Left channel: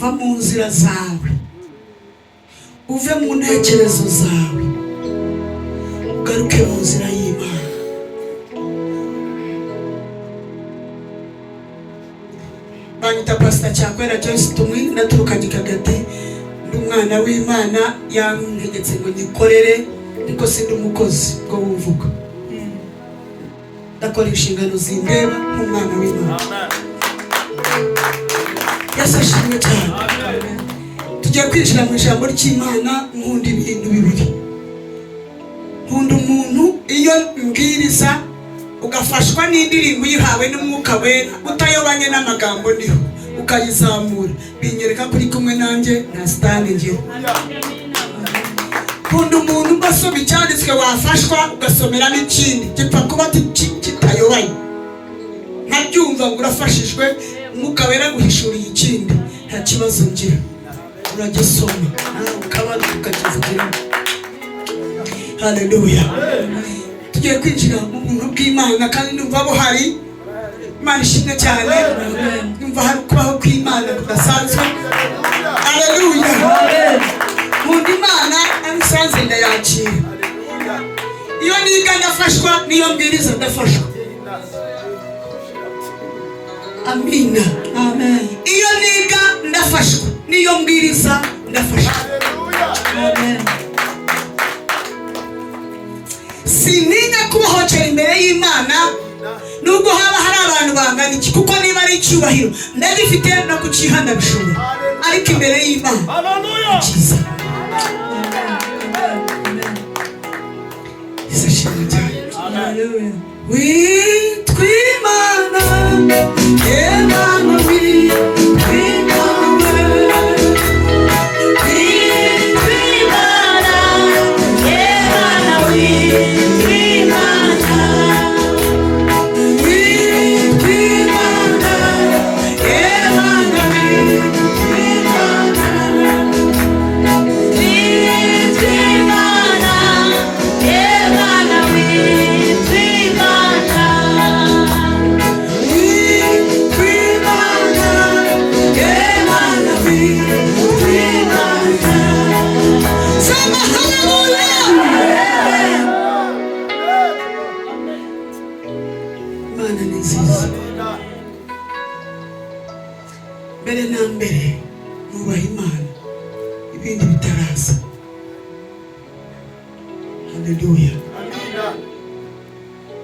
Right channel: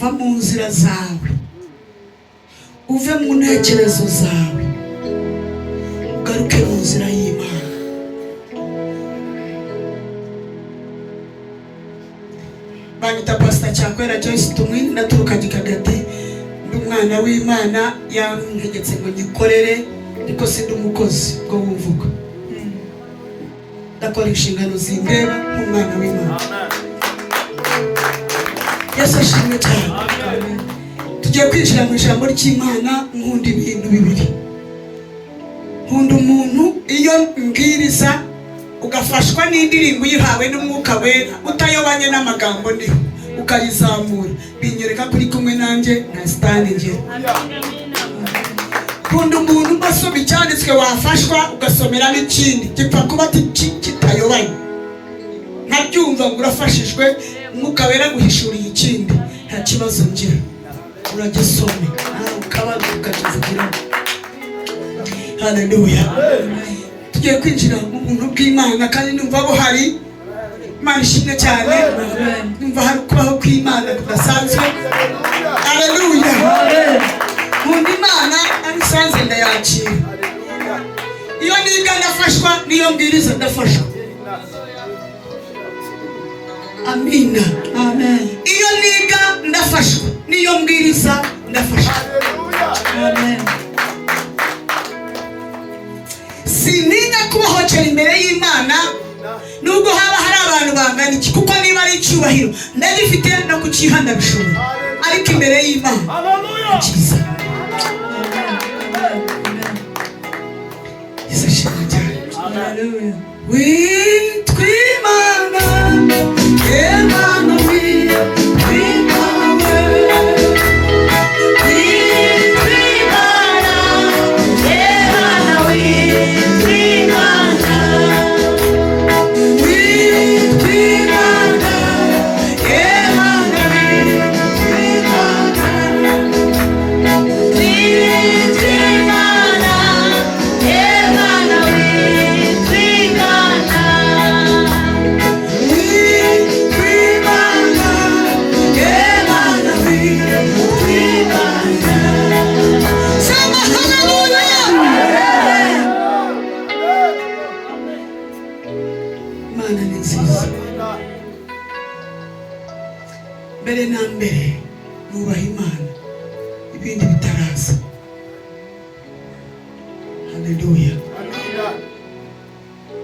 va mu nzira zawe, uve mu ntekerezo zawe, ugaruke mu nzira y'Imana. Banyita Pastor Cyakwera Joyce Tumwini, naturuka Gikagati, ndi umwana w'Imana, yantegetse ngo nyikorere, ariko sindi umukozi ngo wuvuga. Ndakora inshingano zindeba nk'umwana w'Imana. Yesu ashimwe cyane. Tugiye kwinjira mu ijambo ry'Imana. Nkunda ibintu bibiri. Nkunda umuntu iyo mbwiriza ugafashwa n'indirimbo yihawe n'Umwuka Wera, utayobanye n'amagambo ndiho, ukayizamura, binyereka kuri kumwe nanjye na stand ngira. Nkunda umuntu ugasoma icyanditswe wafashwa ugasomera n'ikindi gipfa kuba kitayobanye, nkabyumva ngo urafashijwe, Umwuka Wera guhishuriye ikindi, nta kibazo ngira, uragisoma ukaba ukakivugira. Haleluya. Tugiye kwinjira mu buntu bw'Imana kandi numva buhari. Imana ishimwe cyane. Numva hari kubaho kw'Imana kudasanzwe. Haleluya. Nkunda Imana abisanze ndayakira. Iyo niga ndafashwa, niyo mbwiriza ndafashwa. Amina. Amen. Iyo niga ndafashwa, niyo mbwiriza ndafashwa. Amen. Sininya kubahocyera imbere y'Imana nubwo haba hari abantu bangana iki, kuko niba ari icyubahiro ndagifite no kucyihana bishobora, ariko imbere y'Imana cyiza. Yesu ashimwe cyane. Haleluya. Witwa Imana, Imana Emana mbere nubaha Imana, ibindi bitaraza. Haleluya.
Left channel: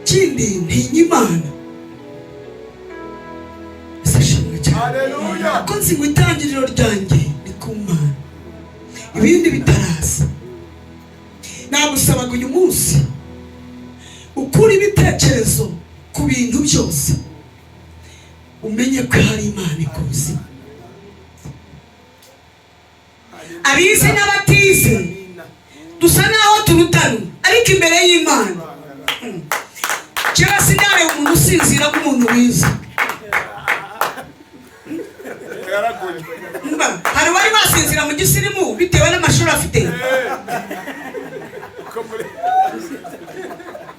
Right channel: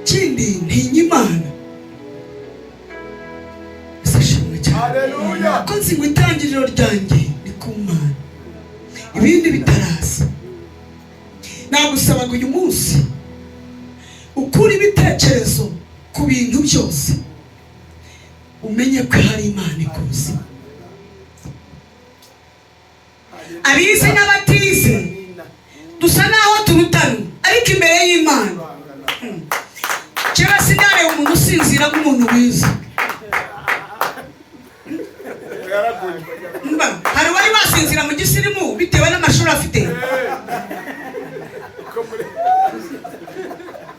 Kindi ntinya Imana. Sashimwe cyane. Ko nzi ngo itangiriro ryanjye ni ku Mana, ibindi bitaraza. Nagusabaga uyu munsi ukura ibitekerezo ku bintu byose, umenye ko hari Imana ikuzi. Abize n'abatize dusa naho turutana, ariko imbere y'Imana kera sinareba umuntu usinzira nk'umuntu wize. Hari wari wasinzira mu gisirimu bitewe n'amashuri afite.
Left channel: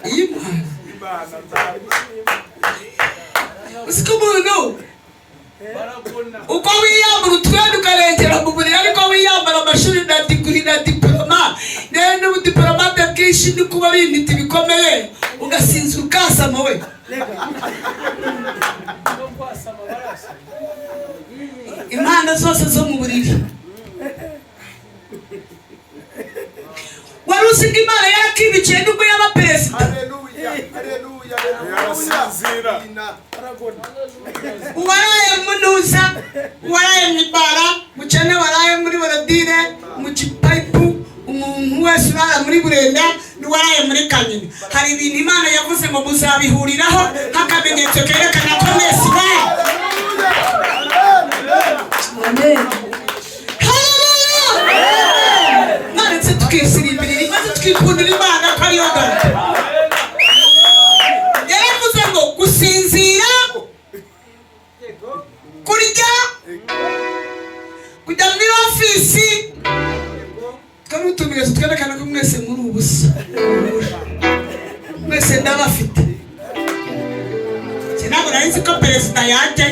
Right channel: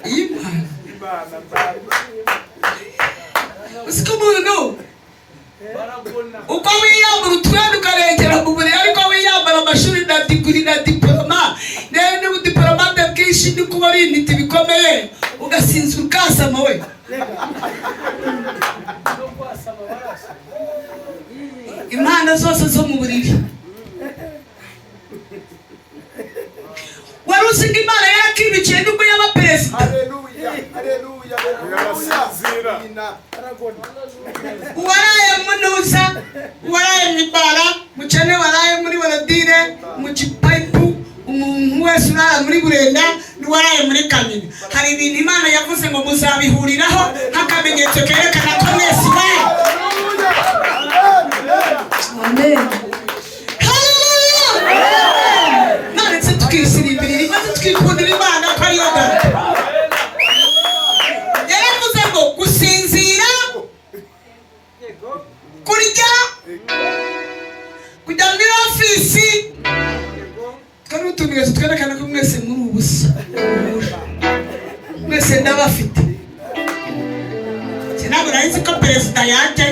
Imana usiko umuntu uko wiyambara utwenda ukarengera mu buriri, ariko wiyambara amashuri na diguri na diploma n'ubudiplomate bwinshi ni kuba ari intiti bikomeye, ugasinzira ukasama we. Impano zose zo mu buriri. Wari uzi ngo Imana yarakibikiye nubwo yaba perezida. Uwaraye munuza, uwaraye mwibara, mukene waraye muri Borodire, mu Kipayipu, umuntu wese urara muri Burenda, n'uwaraye muri Kanyinya. Hari ibintu Imana yavuze ngo muzabihuriraho nk'akamenyetso kerekana ko mwese bari. Amen. Haleluya. None se tukisirimbirira maze tukikundira Imana ko ariyo gato. Yaravuze ngo gusinzira, kurya, kujya muri ofisi, twari utumiye twerekana ko mwese muri ubusa. Mwese ndabafite. Sinabwo nari ko perezida yaje.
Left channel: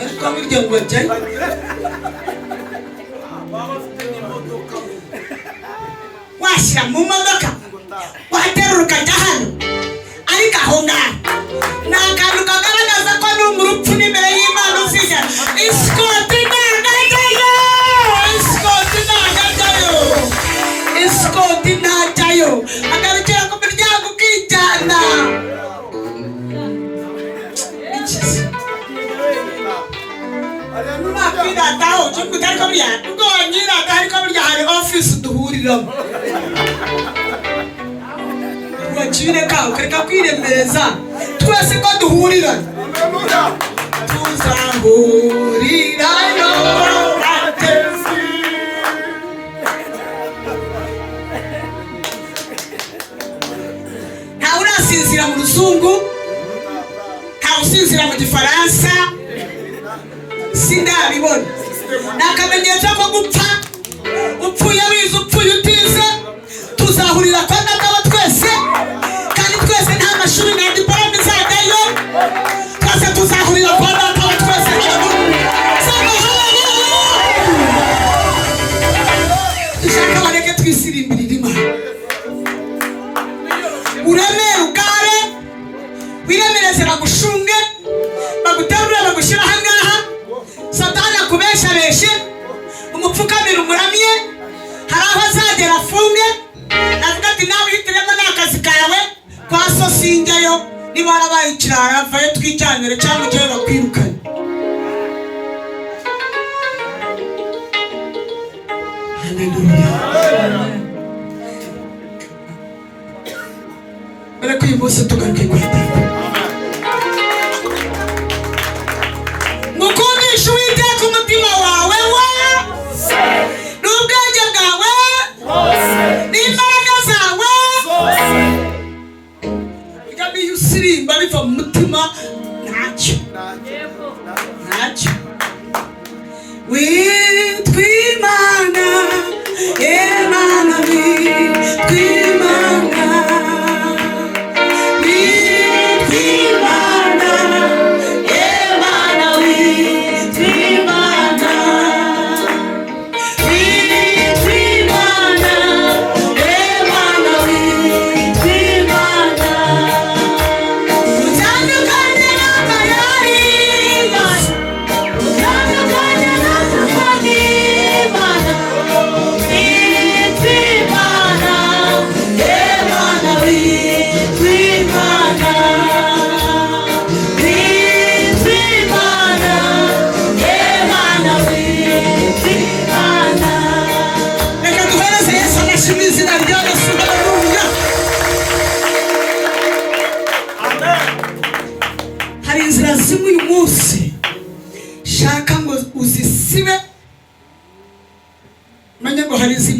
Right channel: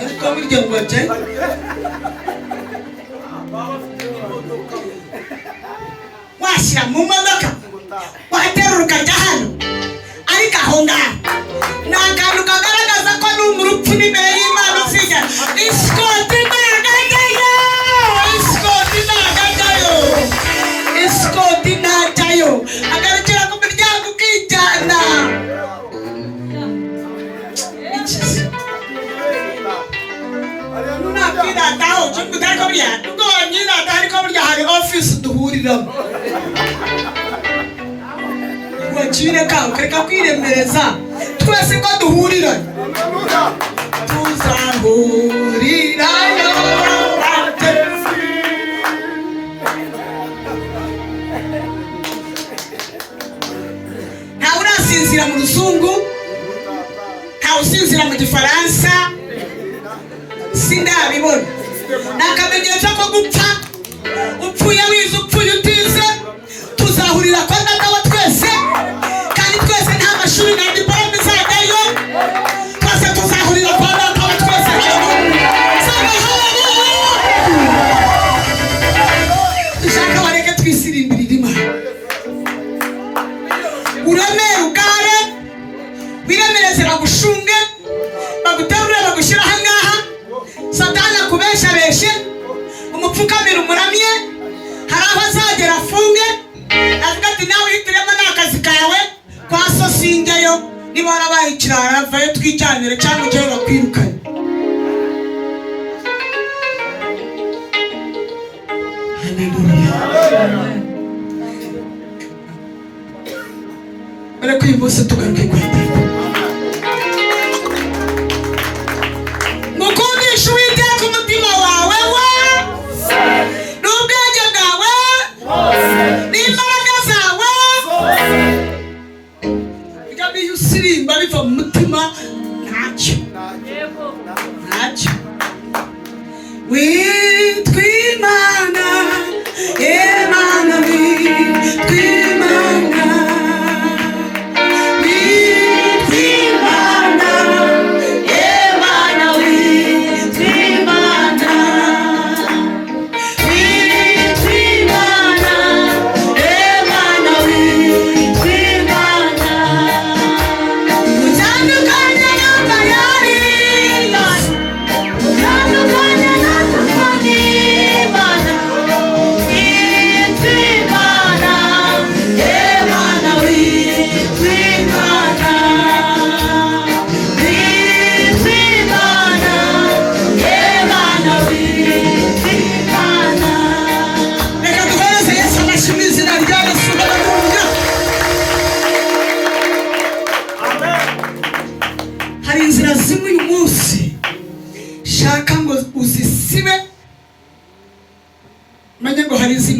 Ariko burya ngo ajye washyira mu modoka waterura ukajya hano, ariko aho ngaho ni akantu kagaragaza ko ni umurupfu n'imbere y'Imana uzijya. Isikoti ntajyayo, isikoti ntajyayo, isikoti ntajyayo, agarukira ku miryango ukijyana. Nakwirataho utari ko burya ubwo nyirata, ariko burya hari office duhuriramo. Wacire ka ukareka kwiremereza, twese ko duhurira tuzahurirayo. Ntawe urasinzira mu Ruzungu, ntawe usinzira mu Gifaransa, sindabibona. Ni akamenyetso ko gupfa, upfuye wize upfuye utize, tuzahurira kwa Data wa twese, kandi twese nta mashuri na diplome zajyayo, twese tuzahurira kwa Data wa twese. Dushaka bareke twisirimbirira Imana. Uremere ugare, wiremereze bagushunge, baguterure bagushyira aha ngaha, Satani akubeshabeshe, umupfukamira umuramye, hari aho azagera afunge, avuga ati nawe uhitiremo n'akazi kawe, kwa so sinjyayo, niba warabaye ikirara vayo twijyanire cyangwa ujyayo bakwirukane. Haleluya. Ariko uyu munsi tugaruke kwa Data. Mukundisha Uwiteka umutima wawe wose, n'ubwenge bwawe n'imbaraga zawe. Burya iyo usirimba biva mu mutima ntacyo. Witwa Imana, Imana witwa Imana, witwa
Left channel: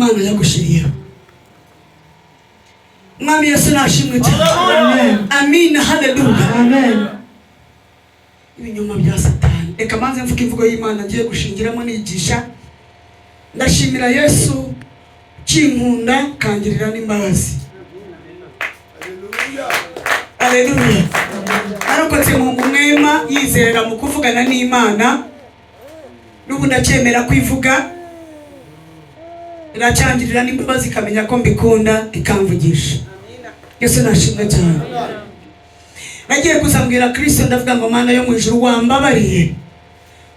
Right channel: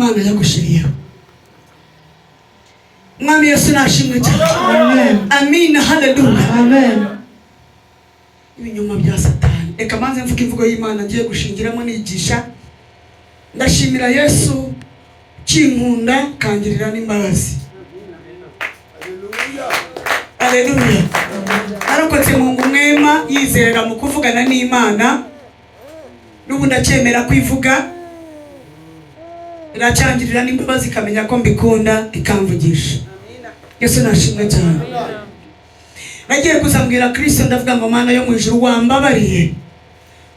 Imana yagushiriyeho. Mwami Yesu nashimwe cyane. Amen. Amina, haleluya. Amen. Ibinyoma bya Satani. Reka manze mvuga imvugo y'Imana ngiye gushingiramo nigisha. Ndashimira Yesu kinkunda kangirira n'imbabazi. Haleluya. Arokotse mu mwema yizera mu kuvugana n'Imana. Nubu ndacyemera kwivuga. Iracyangirira n'imbabazi kamenya ko mbikunda ikamvugisha. Yesu nashimwe cyane. Nagiye kuzambwira Kristo ndavuga ngo Mana yo mu ijuru wambabariye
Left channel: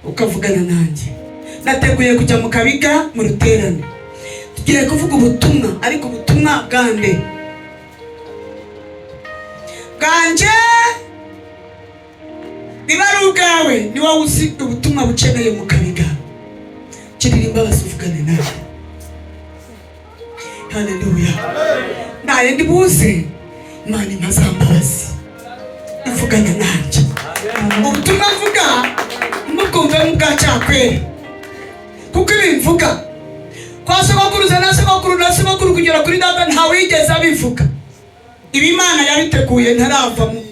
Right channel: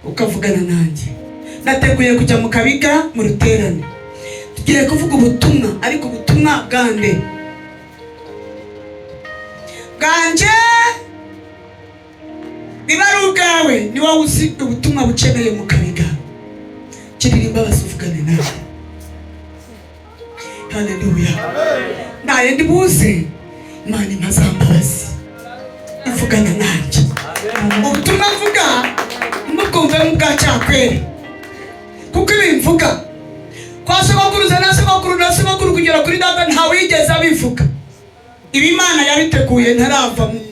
ukavugana nanjye. Nateguye kujya mu Kabiga mu ruterane. Tugiye kuvuga ubutumwa, ariko ubutumwa bwande. Ganje niba ari ubwawe ni wowe uzi ubutumwa bukeneye mu Kabiga. Kirira imbabazi uvugane nawe. Haleluya. Naye ndibuze Imana impazambabazi ivugana nanjye. Ubutumwa mvuga mubwumve mubwacyakwere, kuko ibimvuga kwa sogokuruza na sogokuru kugera kuri data ntawigeze abivuga. Ibi Imana yabiteguye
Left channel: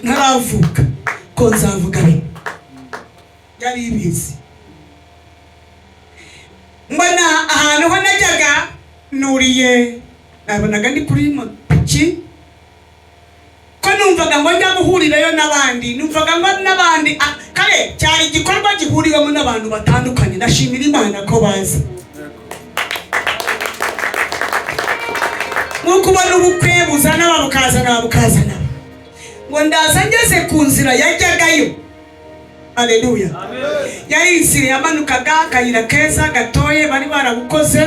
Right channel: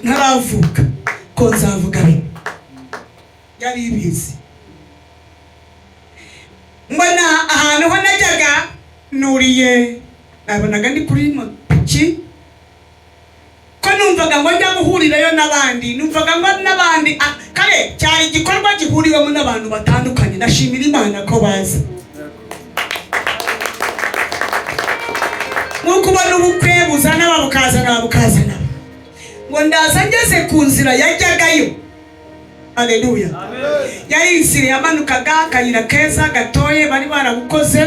ntaravuka ko nzavuga yari ibizi. Mbona ahantu ho najyaga nuriye, nabonaga ndi kuri motoki ko numvaga ngo njya guhurirayo n'abandi, numvaga ngo n'abandi kare cyari igikorwa gihuriyemo n'abantu batandukanye. Ndashimira Imana ko baza. Nkuko ubona ubukwe buzana babukazana ngo ndaza ngeze ku nzira yajyagayo. Haleluya. Yari inzira yamanukaga akayira keza gatoye bari barabukoze,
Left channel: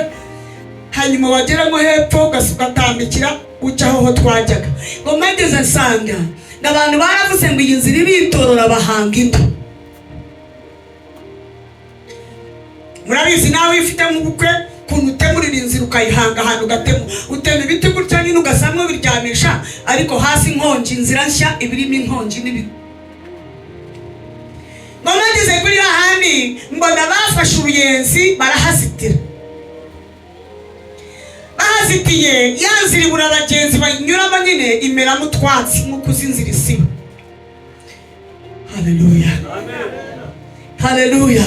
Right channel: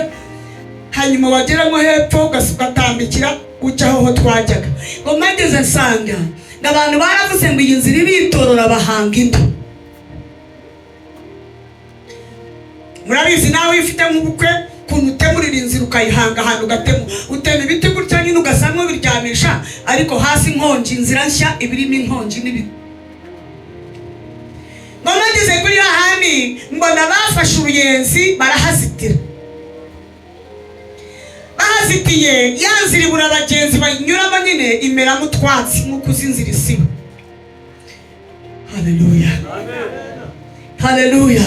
hanyuma wageramo hepfo ugatambikira ujya aho twajyaga. Ngo mageze nsanga abantu baravuze ngo iyi nzira iritorora bahanga indi. Murabizi nawe ifite mu bukwe kuntu utemurira inzira ukayihanga ahantu ugatema, utema ibiti gutya nyine ugasamwe biryamisha, ariko hasi inkongi, inzira nshya ibirimo inkongi n'ibiti. Mageze kuri hahandi mbona bafashe uruyenzi barahazitira. Bahazitiye yanzira ibura abagenzi banyuramo nyine imeramo utwatsi nk'uko uzinzira isiba. Haleluya. Haleluya.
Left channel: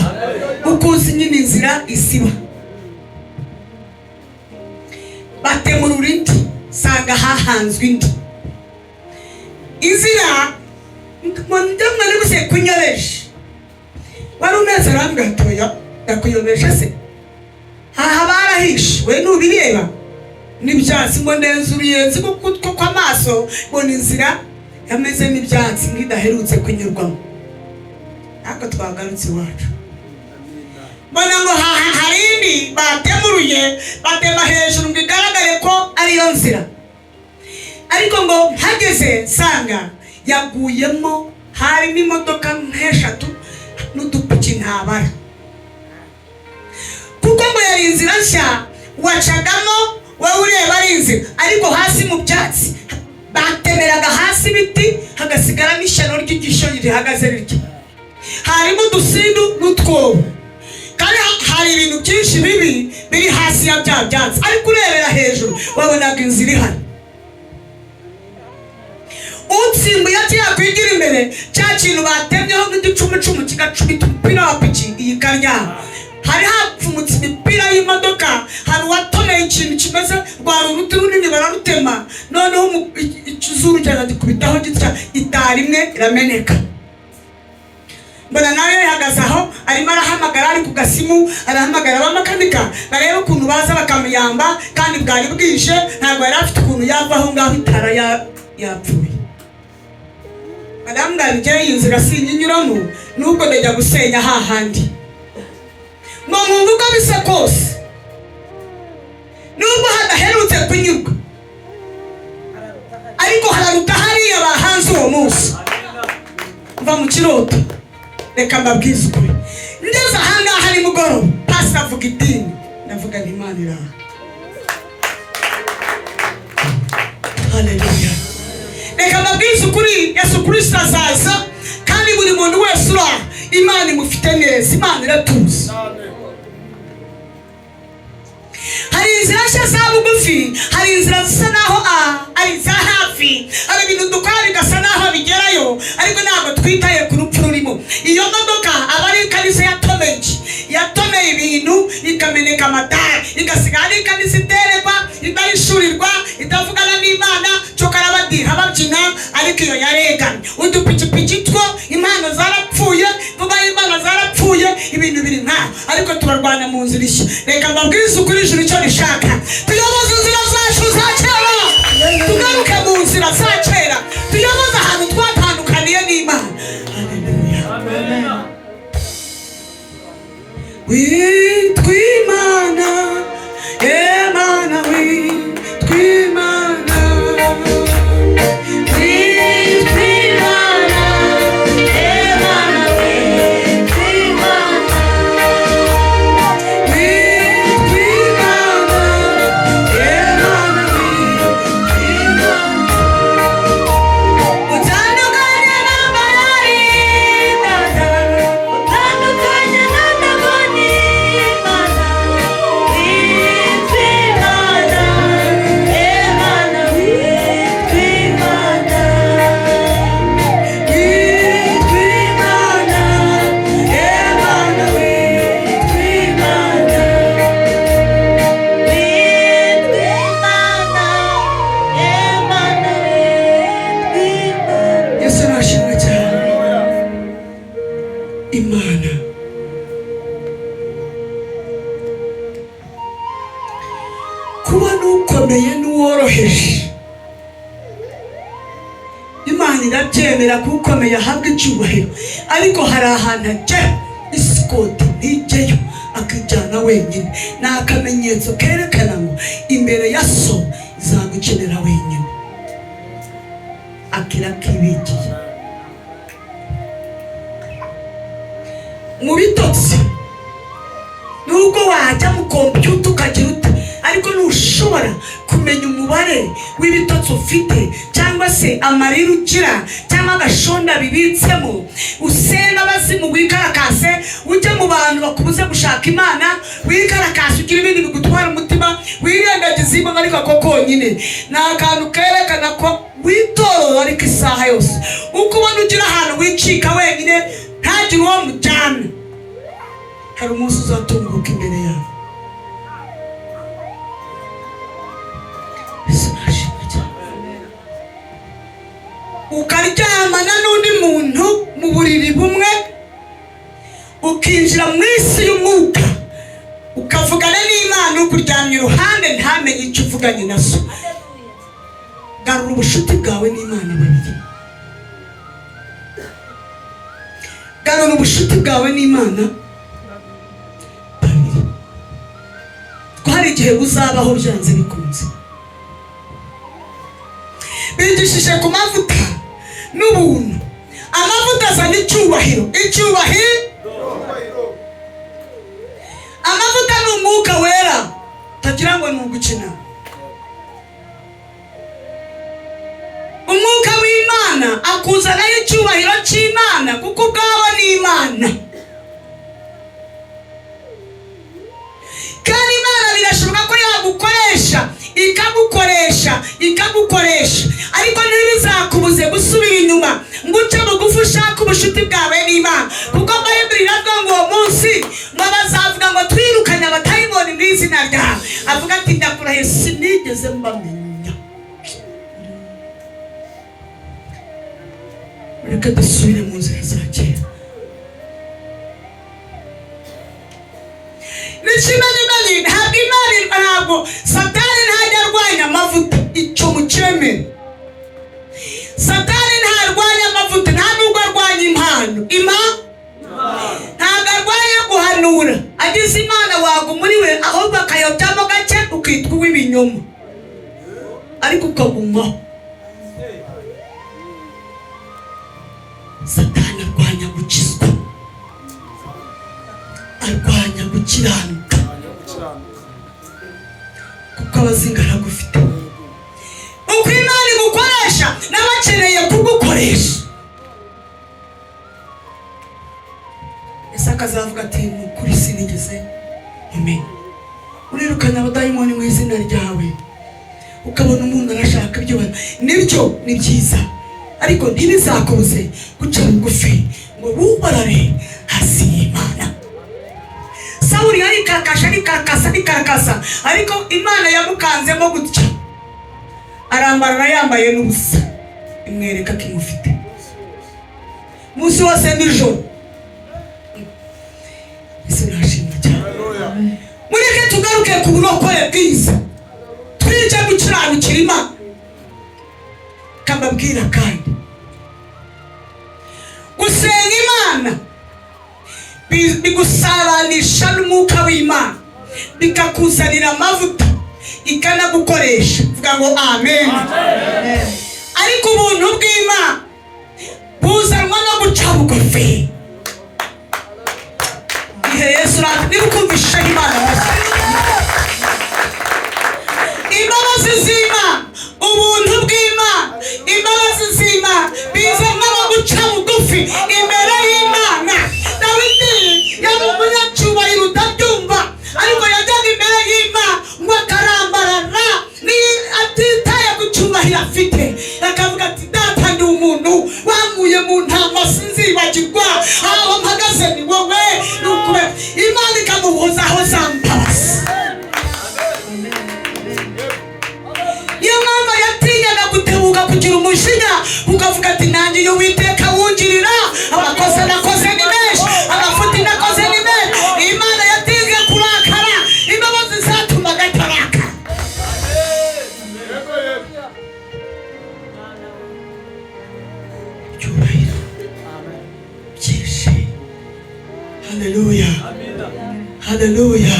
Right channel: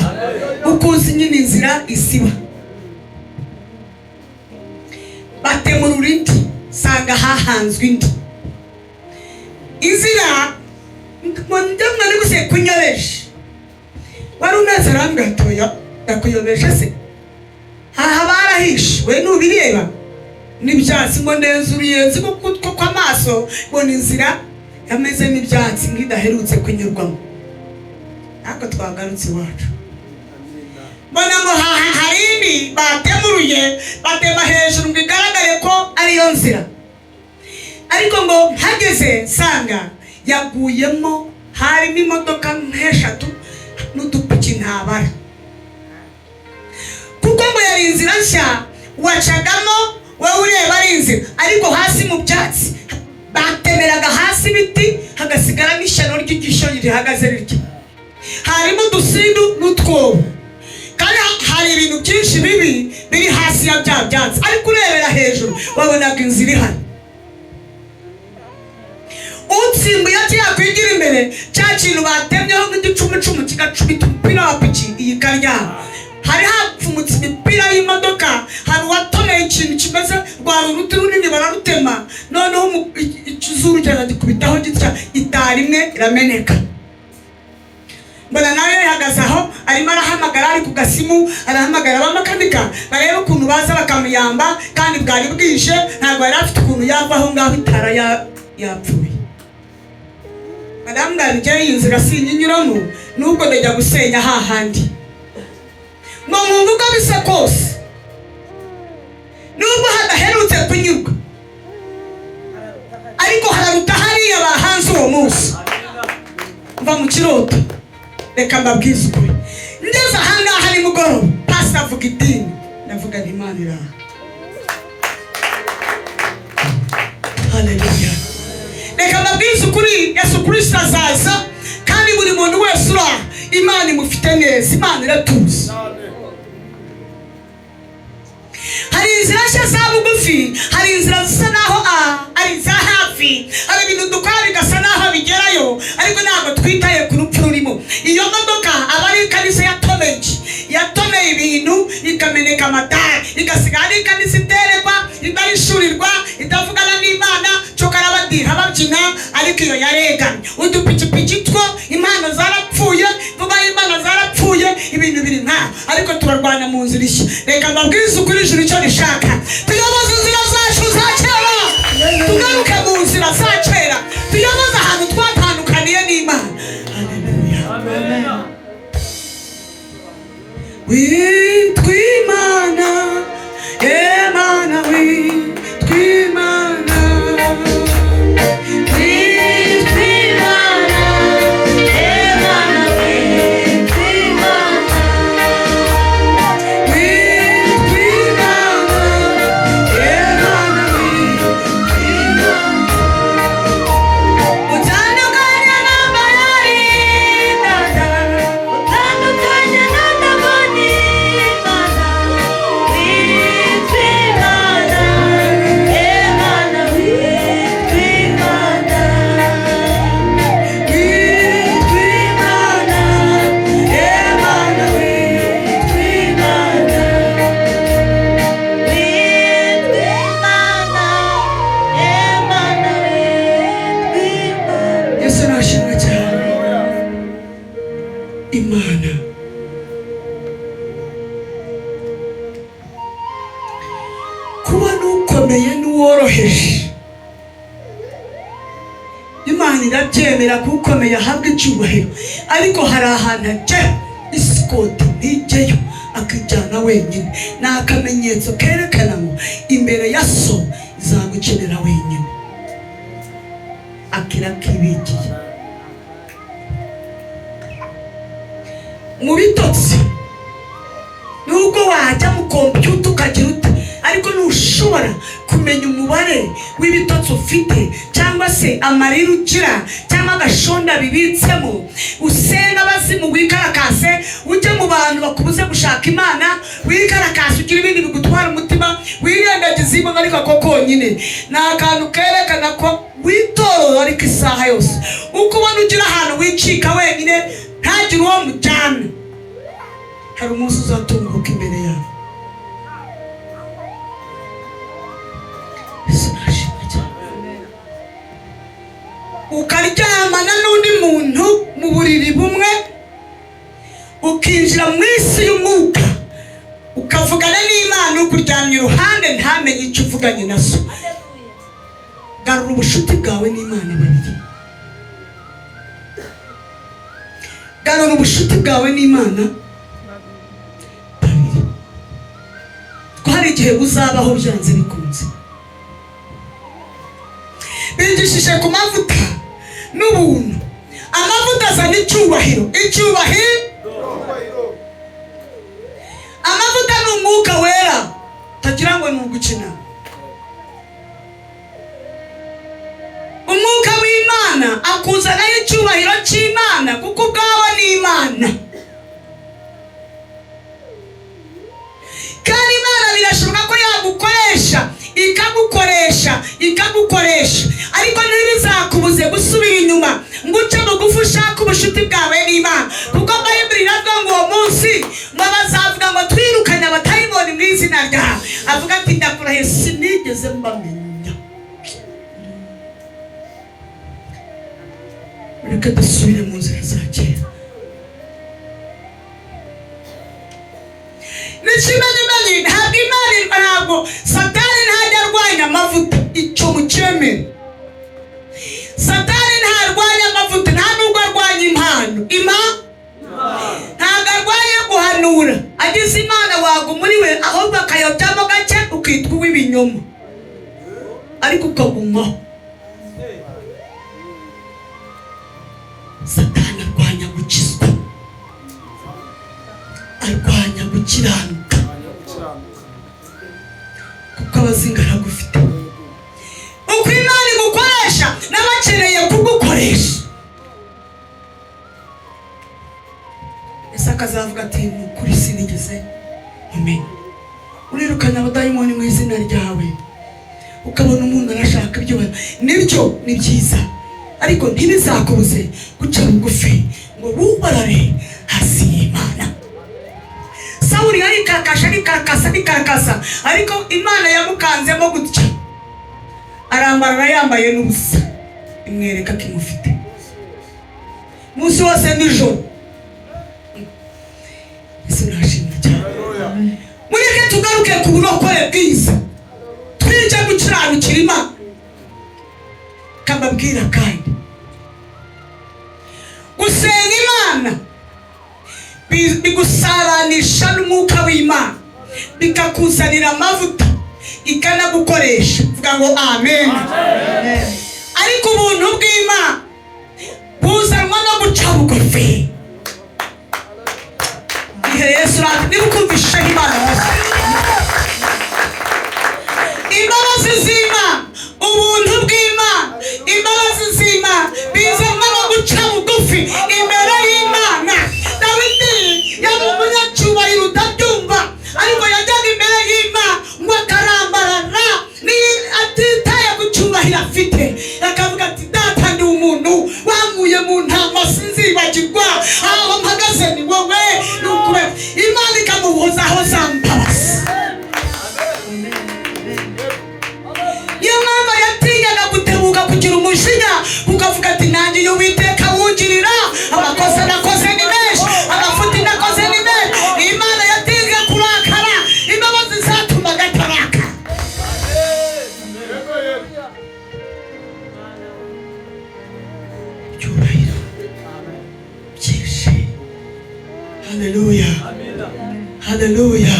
Uko uzi nyine inzira isiba. Batemura indi sanga hahanzwe indi. Inzira ndamwe niguse kunyaresha. Wari umeze arambwatoya yakuyobesha se. Aha barahishe we nubireba n'ibyatsi ngo neza uruyenzi kuko kw'amaso bona inzira yameze n'ibyatsi ngidaherutse kunyurwamo. Ako twagarutse iwacu. Mbona ngo hari indi batemuruye batema hejuru ngo igaragare ko ariyo nzira, ariko ngo mpageze nsanga yaguyemo harimo imodoka nk'eshatu n'udupiki ntabara, kuko ngo yari inzira nshya wacagamo wowe ureba ari inzira, ariko hasi mu byatsi batemeraga hasi ibiti hagasigara n'ishyano ry'igisho rihagaze rityo. Harimo udusindu n'utwobo, kandi hari ibintu byinshi bibi biri hasi ya bya byatsi, ariko urebera hejuru wabonaga inzira ihari. Utsimbuye yakwigira imbere cya kintu batemyeho nk'igicumucumu kigacumita umupira wa piki iyi karyama. Hari hapfumutse imipira y'imodoka, hari uwatoneye ikintu kimeze rwari uruti runini bararutema, noneho ikizuru cyaragikubitaho gitya itari imwe irameneka. Mbona nawe yahagaze aho arimo arahamagara, ari ku gasimu arahamagara abamakanika bareba ukuntu baza bakamuyamba, kandi bwari bwije ntabwo yari afite ukuntu yava aho ngaho itara yapfuye. Madame Ngabije inzira sinyinyuramo nubwo ndajya gusenya hahandi. Ngo mungu uko bise kose nubwo hadaherutse kunyurwa, ariko hararuta hariya bahanze uwo munsi. Mva mu kiroto, reka mbabwize ukuri. Ngeze ahangaha hari mugoroba pastor avuga idini, ndavuga nti Imana iraha. Haleluya. Reka mbabwize ukuri, Yesu Kristo azaza, kandi buri muntu wese uraha Imana imufite neza, Imana iratuzi. Hari inzira zoroshye za bugufi, hari inzira zisa naho ari iza hafi, hari ibintu dukora bigasa naho bigerayo ariko ntabwo twitaye ku rupfu rurimo. Iyo modoka aba ari ikanisa yatomeye ibintu ikameneka amatara, igasigara ari ikanisa iterekwa, idahishurirwa, idavugana n'Imana, cokara badira babyina, ariko iyo yareganye. Udupikipiki two impano zarapfuye, vuba Imana zarapfuye, ibintu biri nkaho, ariko turarwana mu nzira ishya. Reka mbabwirize ukuri ijuru icyo rishaka, tuyoboze inzira zacu za kera, tugaruke mu nzira za kera, tuyoboze ahantu twatandukaniye n'Imana. Haleluya. Witwa Imana, Imana witwa Imana. Imana kuba n'ukomeye n'uworoheje, Imana irabyemera ko ukomeye ahabwa icyubahiro, ariko hari ahantu ajya isikoti nijyeyo akijyana wenyine. Ni akamenyetso kerekana ngo imbere ya so izagukenera wenyine, akira kibigiye mu bitotsi. Nubwo wajya mu kompiyuta ukagira uti, ariko ntushobora kumenya umubare w'ibitotsi ufite, cyangwa se amarira ugira, cyangwa agashonda bibitsemo. Usenga abazimu, wikarakase, ujye mu bantu bakubuze gushaka Imana, wikarakase, ugira ibindi bigutwara umutima, wirengagiza Imana, ariko ko konyine ni akantu kerekana ko witorora, ariko isaha yose uko ubona ugira ahantu wicika wenyine ntagire uwo mujyana, hari umunsi uzatunguka imbere yawe. Ukaryamana n'undi muntu mu buriri bumwe, ukinjira mu isi y'umwuka, ukavugana n'Imana ukuryamye iruhande, ntamenye icyo uvuganye na so. Garura ubushuti bwawe n'Imana babiri, garura ubushuti bwawe n'Imana babiri. Ko hari igihe uzabaho byanze bikunze. Bigishije ku mavuta n'ubuntu. Amavuta azana icyubahiro, amavuta ni umwuka wera, tagira ngo ni ugukina. Umwuka w'Imana akuzanaho icyubahiro cy'Imana, kuko ubwawe ni Imana. Kandi Imana birashoboka ko yagukoresha, ikagukoresha, ariko ntibizakubuze gusubira inyuma ngo uce bugufi ushaka ubushuti bwawe n'Imana. Kuko Bayibuli iravuga ngo uwo munsi ngo bazavuga ngo twirukanye abatayiboni mu izina ryawe. Avuga ati ndakurahiye sinigeze mbamenya. Reka dusubire mu nzira za kera. N'ikimenyimenyi ntabwo Satani ntajya arwanya amavuta, icyo mukemere. Satani ntarwanya amavuta, nta nubwo arwanya impano. Ntabwo arwanya guhanura, agize Imana wago muri we, ahubwo akayobyamo gake ukitwa uw'ibinyoma, ariko ukagumaho. Satani arwanya gukizwa, arwanya gukiranuka, kuko abazinga aragufite. Uko Imana imukoresha n'abakeneye kugukoresha. Ese akazavuga ati ni ukuri sinigeze umenya. Urirukana abadayimoni mu izina ukabona umuntu arashaka ibyo nibyo ni byiza, ariko ntibizakubuze guca bugufi ngo wubarabe hasi y'Imana. Sawuli arikakasa, ariko Imana yamukanzemo gutya, arambarana yambaye n'ubusa, imwereka ko imufite umunsi wose n'ijoro. Ese nashimye cyane. Mureke tugaruke ku burokore bwiza, twije gukiranukira Imana. Kababwira kandi gusenga Imana bigusabanisha n'umwuka w'Imana, bikakuzanira amavuta, ikanagukoresha. Vuga ngo amen. Ariko ubuntu bw'Imana buzanwa no guca bugufi. Ihe Yesu nibukumvishe Imana imbabazi z'Imana, ubuntu bw'Imana, imbabazi z'Imana bizanwa no guca bugufi imbere y'Imana. Dawidi yari umunyacyubahiro utabyumva, ariko yajyaga imbere y'Imana ngo akarambarara, ni atitaye ku cyubahiro afite, akavuga ati data ndi umuntu wamuye mu ntama sinzibagirwa, aho mpagaze ni wowe. Nukure Imana ikamuhozaho za mbabazi. Niyo mpamvu yatinyaga gutebuka kugira umujinya, ukavuga ati nanjye iyo Uwiteka wungirira, amakosa nakoze ni menshi, amafuti nakoze ni menshi. Imana yatinze kurakara, imbabazi zatumaga ataraka. Cyubahiro byinshi. Haleluya, haleluya.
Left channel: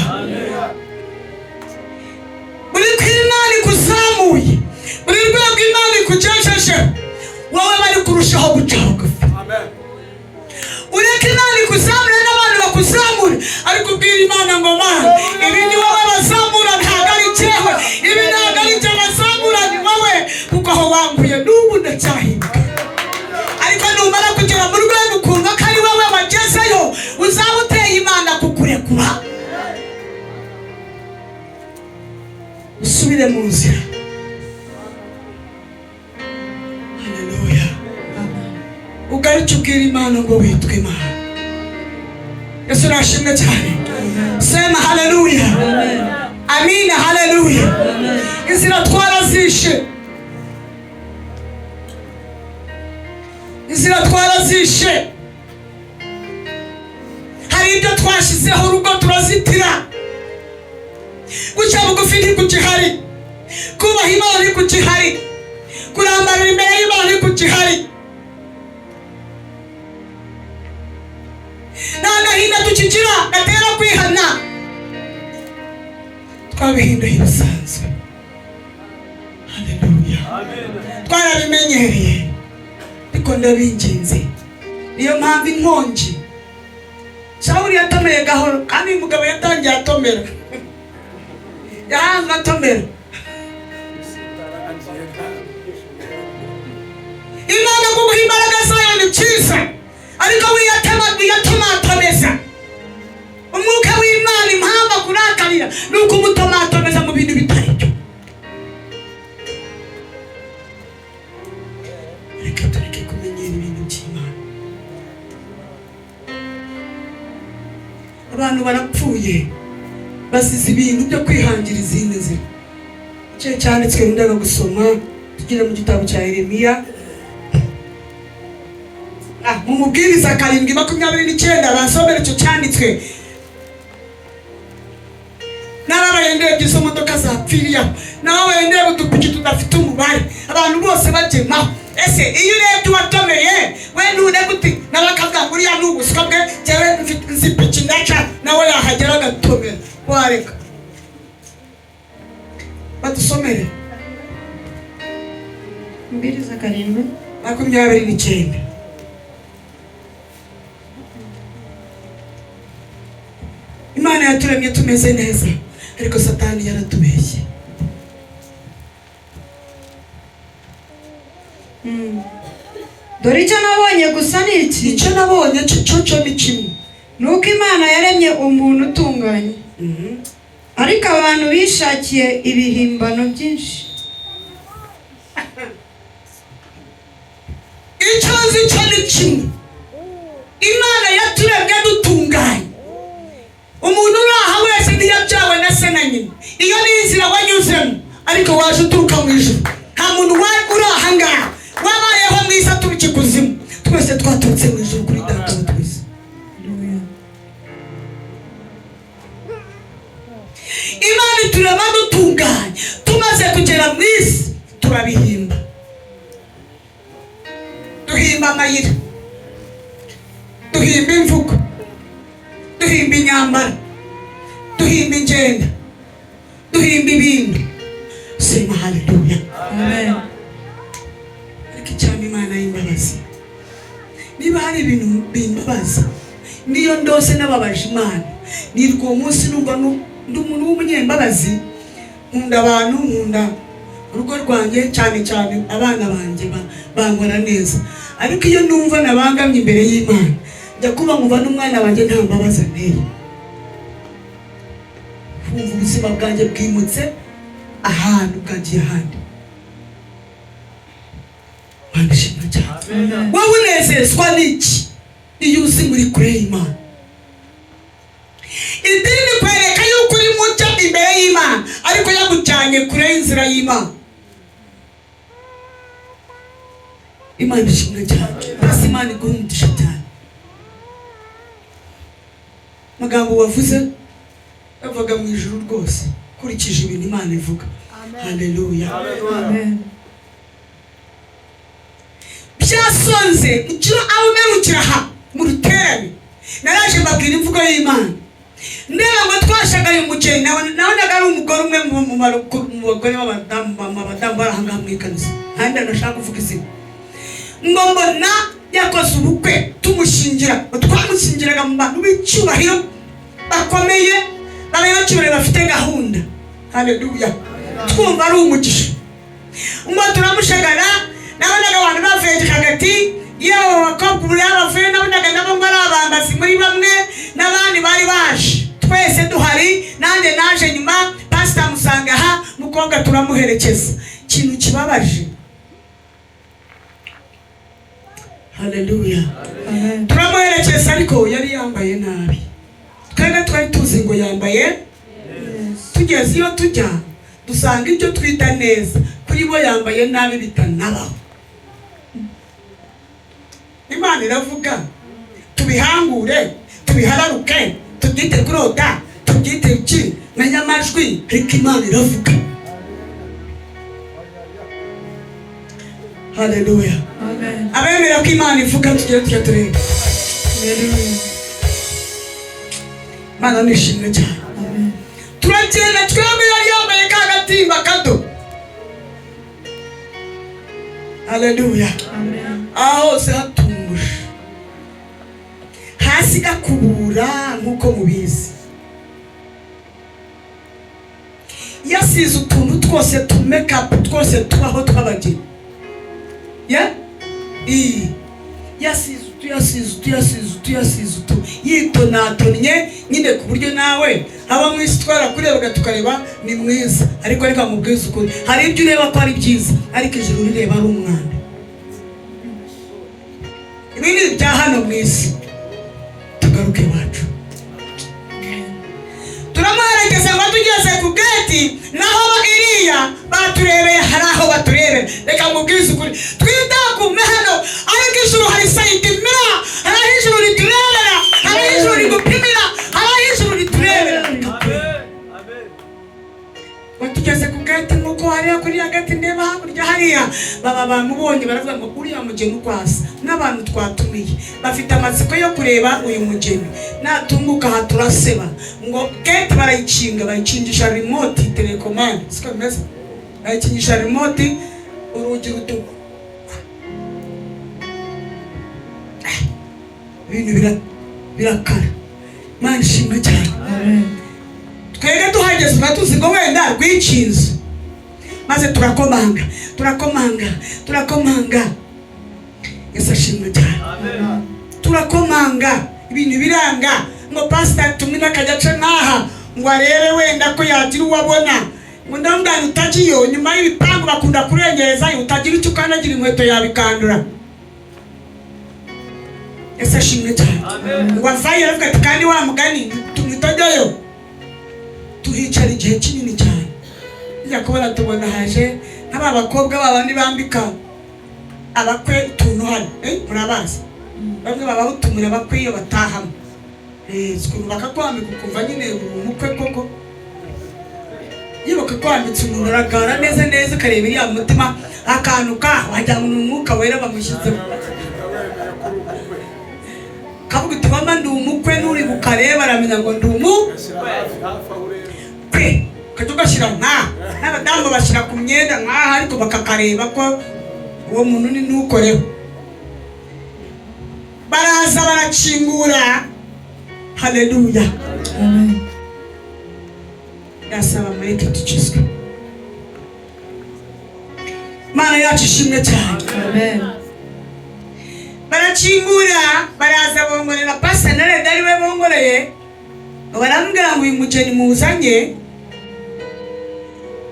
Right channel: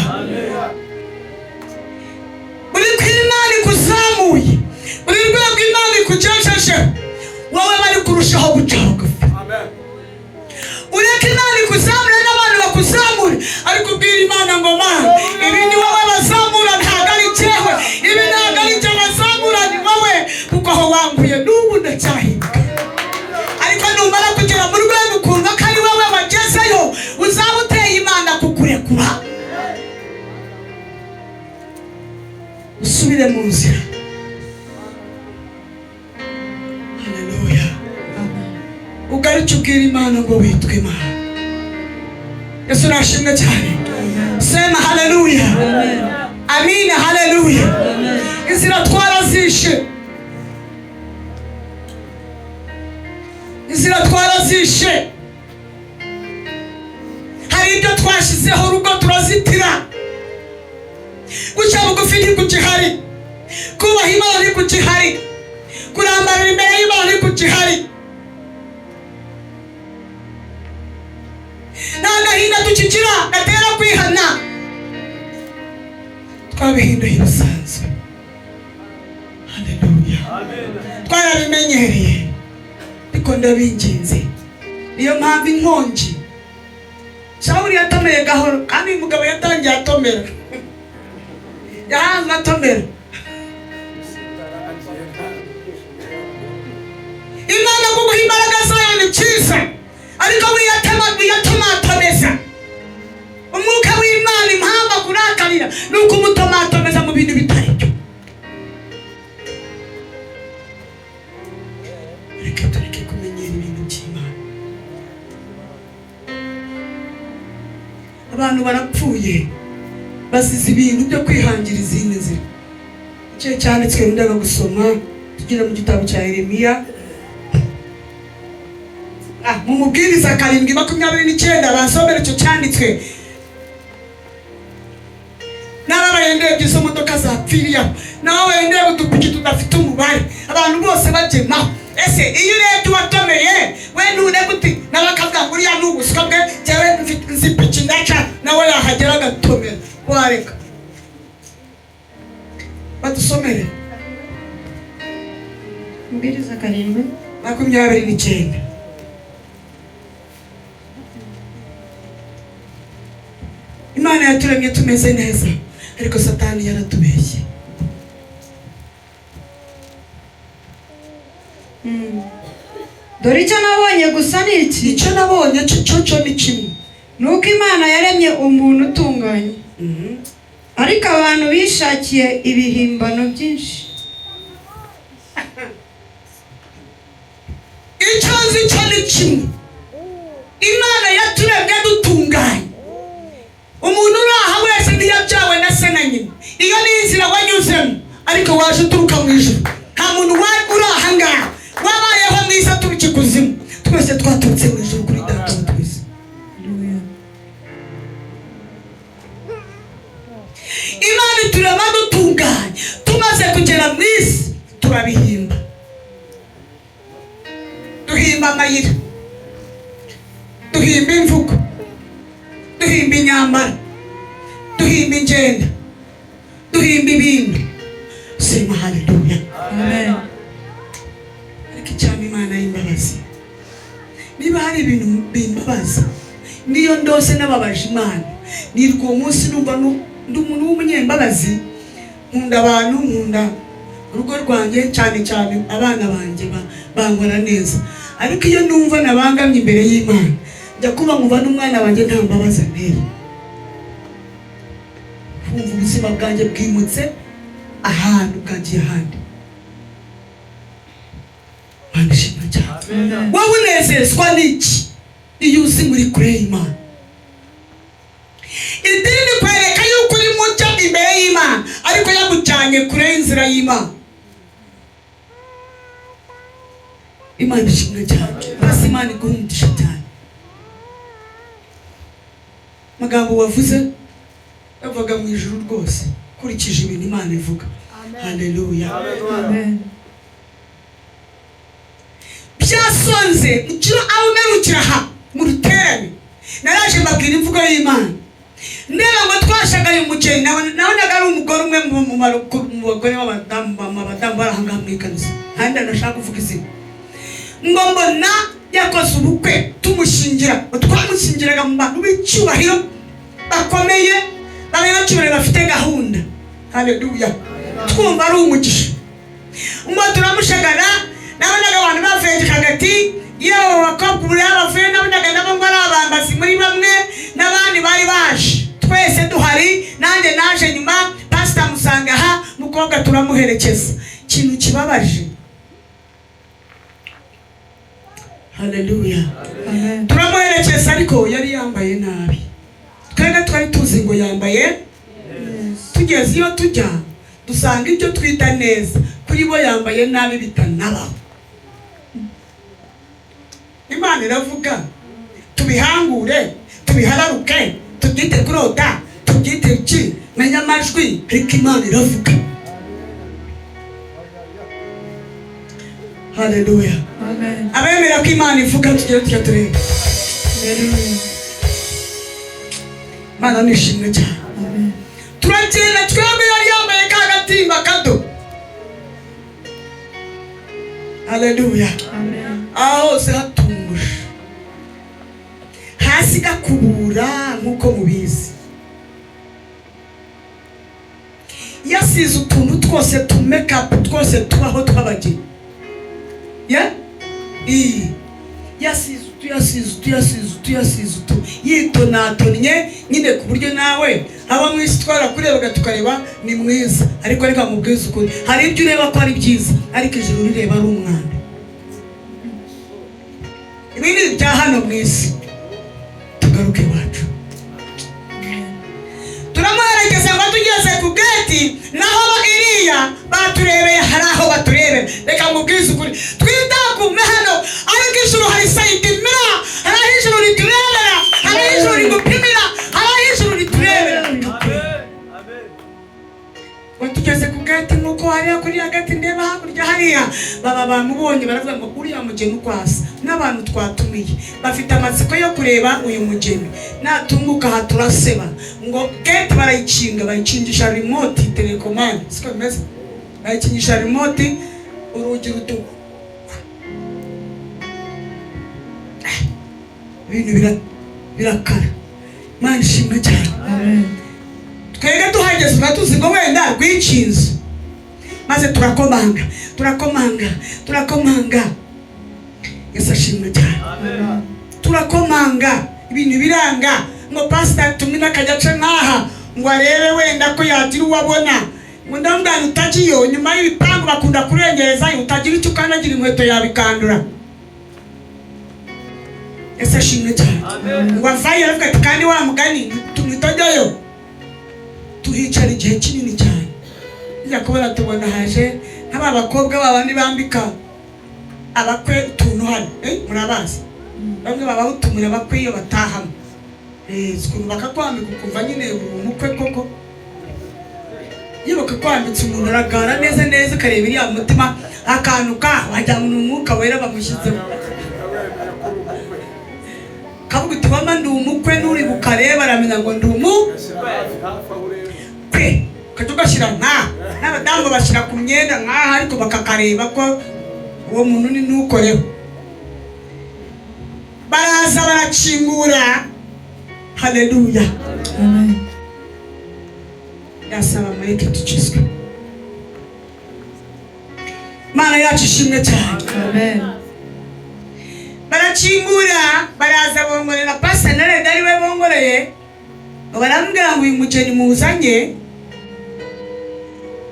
Buri kw'Imana ikuzamuye, buri rwego Imana ikugejeje, wowe bari kurushaho guca bugufi. Ureke Imana ikuzamure n'abantu bakuzamure, ariko ubwira Imana ngo Mana, ibi ni wowe bazamura, ntabwo ari jyewe. Ibi ntabwo ari jye bazamura, ni wowe, kuko aho wanguye n'ubu ndacyahinduka. Ariko numara kugera mu rwego ukumva ko ari wowe wagezeyo, uzaba uteye Imana kukurekura, usubire mu nzira. Haleluya. Ugaruke ubwira Imana ngo witwe Imana. Yesu nashimwe cyane. Sema haleluya. Amina, haleluya. Inzira twarazishe, inzira twarazishe. Hari ibyo twashyizeho urugo turazitira. Guca bugufi ntikugihari, kubaha Imana ntikugihari, kurambarira imbere y'Imana ntikugihari. Nta gahinda tukigira gatera kwihana, twabihinduye ibisanzwe. Haleluya. Twarabimenyereye, ariko ndabinginze. Niyo mpamvu inkongi Sawuli yatomeye gahoro, kandi umugabo yatangiye atomera, yahanzwe atomera. Imana kuguha imbaraga zayo ni cyiza, ariko wiyatomatomeza. Umwuka w'Imana impamvu akurakarira ni uko umutomatomeza mu bintu bitari byo. Reka tureke kumenyera ibintu by'Imana. Abantu barapfuye basize ibintu byo kwihangira izindi nzira. Icyo cyanditswe ndaga gusoma tugira mu gitabo cya Yeremiya, mu mubwiriza 7:29, bansomera icyo cyanditswe. N'abagendera izo modoka zapfiriye, n'abagendera udupiki tudafite umubare, abantu bose bagemaho. Ese iyo urebye uwatomeye, we nture gute n'abakavuga uriya ni ubuswa bwe, cyangwa nzipiki ndaca nawe yahagera agatomera. Wareka badusomere Mbiriza 7:29. Imana yaturemye tumeze neza, ariko Satani yaratubeshye. Dore icyo nabonye gusa ni iki. Icyo nabonye cyo ni kimwe, nuko Imana yaremye umuntu utunganye, ariko abantu bishakiye ibihimbano byinshi. icyo nzi cyo ni kimwe, Imana yaturemye dutunganye. Umuntu uri aha wese ntiyabyawe na se na nyina, iyo ni inzira wanyuzemo, ariko waje uturuka mu ijuru. Nta muntu uri aha ngaha wabayeho mu isi aturuka ikuzimu, twese twaturutse mu ijuru kuri Data wa twese. Imana iturema dutunganye, tumaze kugera mu isi turabihimba. Duhimba amayira, duhimba imvugo, duhimba inyambaro, duhimba ingendo, duhimba ibindi. Sema haleluya. Amen. Ariko cyane Imana y'imbabazi, niba hari ibintu bimbabaza, niyo ndose n'ababaje Imana, nirwo uwo munsi numva ndi umuntu w'umunyembabazi. Nkunda abantu, nkunda urugo rwanjye, cyane cyane abana banjye bankora neza. Ariko iyo numva nabangamye imbere y'Imana, njya kuba nkuba n'umwana wanjye nta mbabazi anteye. Kumva ubuzima bwanjye bwimutse ahantu bwagiye ahandi. Banishima cyane. Wowe unezezwa n'iki iyo uzi muri kure y'Imana? Idini kwereka yuko uri muto imbere y'Imana, ariko yagujyanye kure y'inzira y'Imana. Imana ishimwe cyane. Basi Imana iguhundisha cyane. Magambo wavuze bavuga mu ijuru rwose, kurikije ibintu Imana ivuga. Haleluya. Amen. Byasonze icyo abumerukira aha mu rutebe, naraje mbabwira imvugo y'Imana. Ndeba ngo twashagaye umukene, nabonaga ari umugore umwe mu bagore b'abadamu barahangaha mu ikanisa. Kandi ndashaka kuvuga izina. Ngo mbona yakoze ubukwe tumushingira, twamushyingiraga mu bantu b'icyubahiro bakomeye, b'abanyacyubahiro bafite gahunda. Haleluya. Twumva ari umugisha. Ngo turamushagara, nabonaga abantu bavuye hagati yewe bakobwa bavuye, nabonaga nabo ngo ari abambazi muri bamwe, n'abandi bari baje. Twese duhari, nanjye naje nyuma, pastor musanga aha, mukobwa turamuherekeza. Ikintu kibabaje. Haleluya. Turamuherekeza ariko yari yambaye nabi. Twebwe twari tuzi ngo yambaye, tugeze iyo tujya dusanga ibyo twita neza kuri bo yambaye nabi bitanabaho. Imana iravuga, tubihangure, tubihararuke, tubyite kurota, tubyite iki, menya amajwi, ariko Imana iravuga. Haleluya. Amen. Abemera ko Imana ivuga tujye tujya tureba. Mana nishimwe cyane. Turagenda twembi yari yambaye ka gatimba kato. Haleluya. Aho se hatuje, hasi gakubura nk'uko mubizi. Yasize utuntu twose tumekapu twose tubaho tw'abageni. Yasize yitonatonye nyine ku buryo nawe aba mu isi twarakurebaga tukareba ni mwiza, ariko reka mubwize ukuri, hari ibyo ureba ko ari byiza, ariko ijuru rireba ari umwana. Ibi ni ibya hano mu isi. Tugaruke iwacu. Turamuherekeza ngo tugeze ku geti, naho iriya baturebeye, hari aho baturebera. Reka mubwize ukuri, twitagume hano, ariko ijuru hari sayidi mira, hari ijuru riturebera, hari ijuru rigupimira, hari ijuru riturebera. Batugeze ku geti, nuko hariya kuri ya geti ndeba hakurya hariya, baba bamubonye baravuga ngo uriya mugeni uko asa, n'abantu twatumiye bafite amatsiko yo kureba uyu mugeni. Natunguka aha turaseba ngo geti barayikinga, bayikingisha remote telecommande, siko bimeze, bayikingisha remote, urugi rutuku. Ibintu birakara. Imana ishimwe cyane. Twebwe tuhageze uratuzi ngo wenda rwikinze, maze turakomanga. Yesu ashimwe cyane. Turakomanga, ibintu biranga, ngo pastor tumwe n'akajyace nkaha ngo arebe wenda ko yagira uwabona. Ngo ndamubwira utagiyo, nyuma y'ibipangu bakunda kurengerezayo, utagira icyo ukanagira inkweto yabikandura. ese ashimwe cyane ngo avayo aravuga ati kandi wa mugani tumitodoyo tuhicara igihe kinini cyane njya kubona tubona haje nk'aba bakobwa babandi bambika abakwe utuntu hano murabazi bamwe baba utumura abakwe iyo batahamo sikuntu bakakwambika ukumva nyine umukwe koko iyo bakakwambitse umuntu aragara neza ukareba iriya mutima akantu wajya mu mwuka wera bamushyizemo kavuga uti mama ndi umukwe n'uri bukareba aramenya ngo ndi umukwe ukajya ugashyira n'abadamu bashyira ku myenda nk'aha ariko bakakareba ko uwo muntu ni n'ukoreho baraza barakingura. Haleluya. Ndasaba mureke dukizwe. Mana yacu ishimwe cyane. Amen. Barakingura baraza bongorera pasta narega ari we bongoreye barambwira ngo uyu mugeni muzanye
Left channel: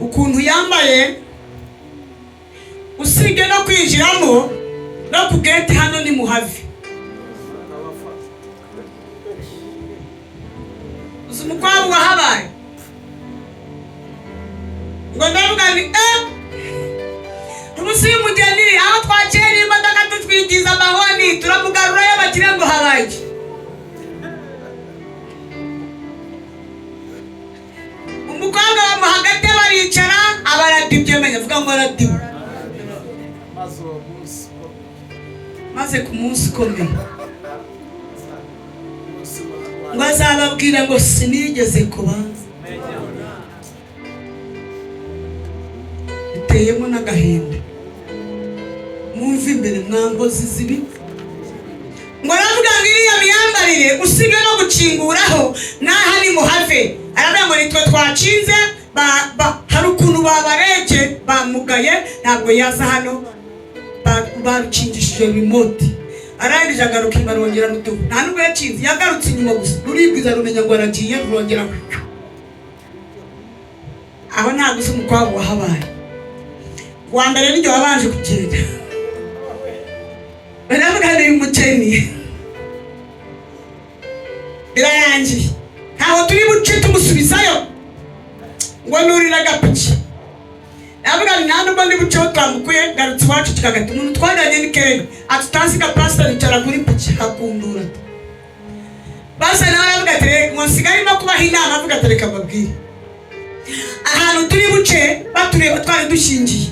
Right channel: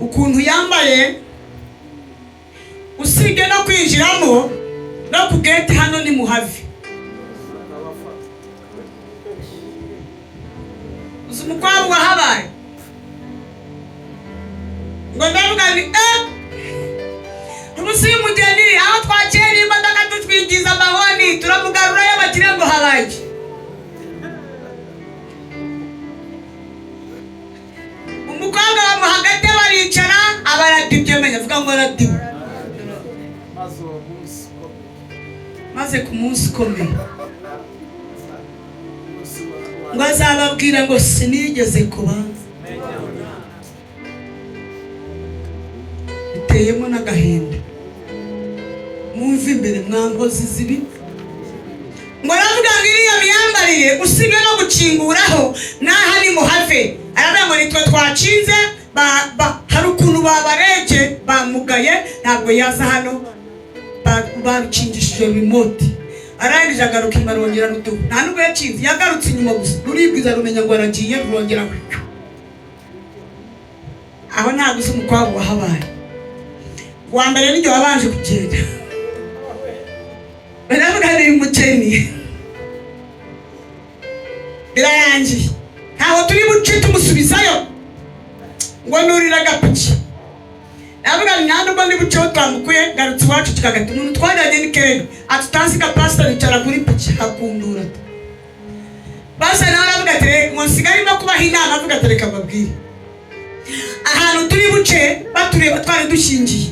ukuntu yambaye usige no kwinjiramo no ku gate hano ni muhavi umukobwa habaye ngo ndavuga ni umunsi w'umugeni aho twakira imodoka tutwigiza amahoni turamugarura y'abakire ngo habaye umukobwa mu hagati baricara abaradibye menya avuga ngo aradibye maze ku munsi ukomeye ngo azababwira ngo sinigeze kubanza uteyemo n'agahinda mwumva imbere mwangozi zibi ngo navuga ngo iriya myambarire usige no gukinguraho n'aho ari muhave aravuga ngo nitwe twacinze hari ukuntu babarebye bamugaye ntabwo yaza hano barukingishije remote arangije agaruka inyuma rwongera rutugu nta nubwo yacinze yagarutse inyuma gusa ruribwiza rumenya ngo aragiye rurongera aho ntabwo uzi umukobwa wahabaye wa mbere n'igihe wabanje kugenda baravuga ngo uyu mugeni birayangiye ntabwo turi buce tumusubizayo ngo nurira agapiki avuga nta nubwo ndi buceho twamukuye garutse iwacu tukagata umuntu twajyanye ni kera atutazi ka pastor yicara kuri piki hakundura basa nawe aravuga ati ngo nsigaye no kubaha inama avuga ati reka mbabwire ahantu turi buce batureba twari dushingiye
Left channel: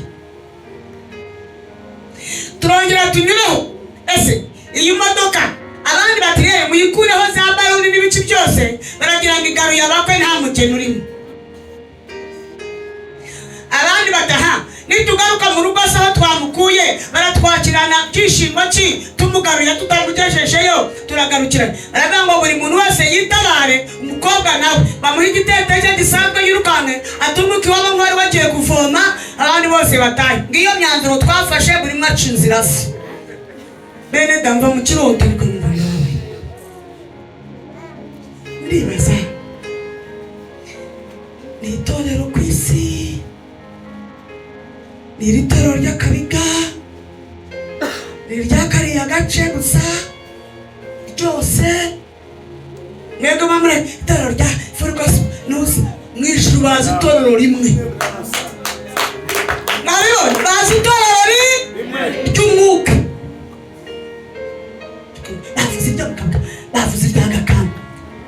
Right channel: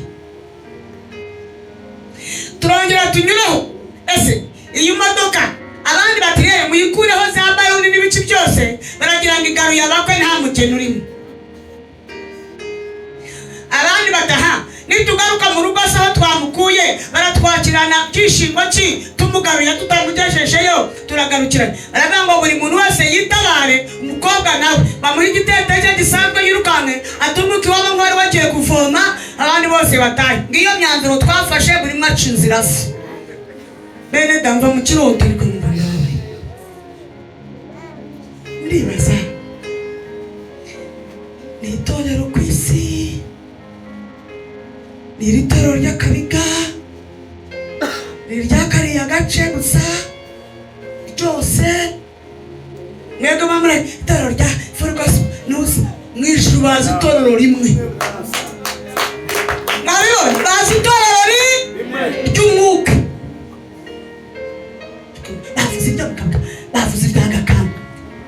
turongera tunyureho ese iyi modoka abandi batireye muyikureho za baloni n'ibice byose baragira ngo igaruye abakwe nta mugeni urimo abandi bataha nitugaruka mu rugo se aho twamukuye baratwakirana byishimo ki tumugaruye tutamugejejeyo turagarukirana aravuga ngo buri muntu wese yitabare umukobwa nawe bamuha igiteteje gisanzwe yirukanke atunguka iwabo nk'uwari wagiye kuvoma abandi bose batahe ngiyo myanzuro twafashe buri umwe aca inzira se bene damva mu kiroto rikumva nawe ndibaza ni itorero ku isi ni iri torero ry'akabiga ni iry'akariya gace gusa ryose mwebwe bamure itorero rya Ferguson nuzi mwijuru bazi itorero rimwe nabibona bazi itorero ry'umwuka bavuze iby'agakamba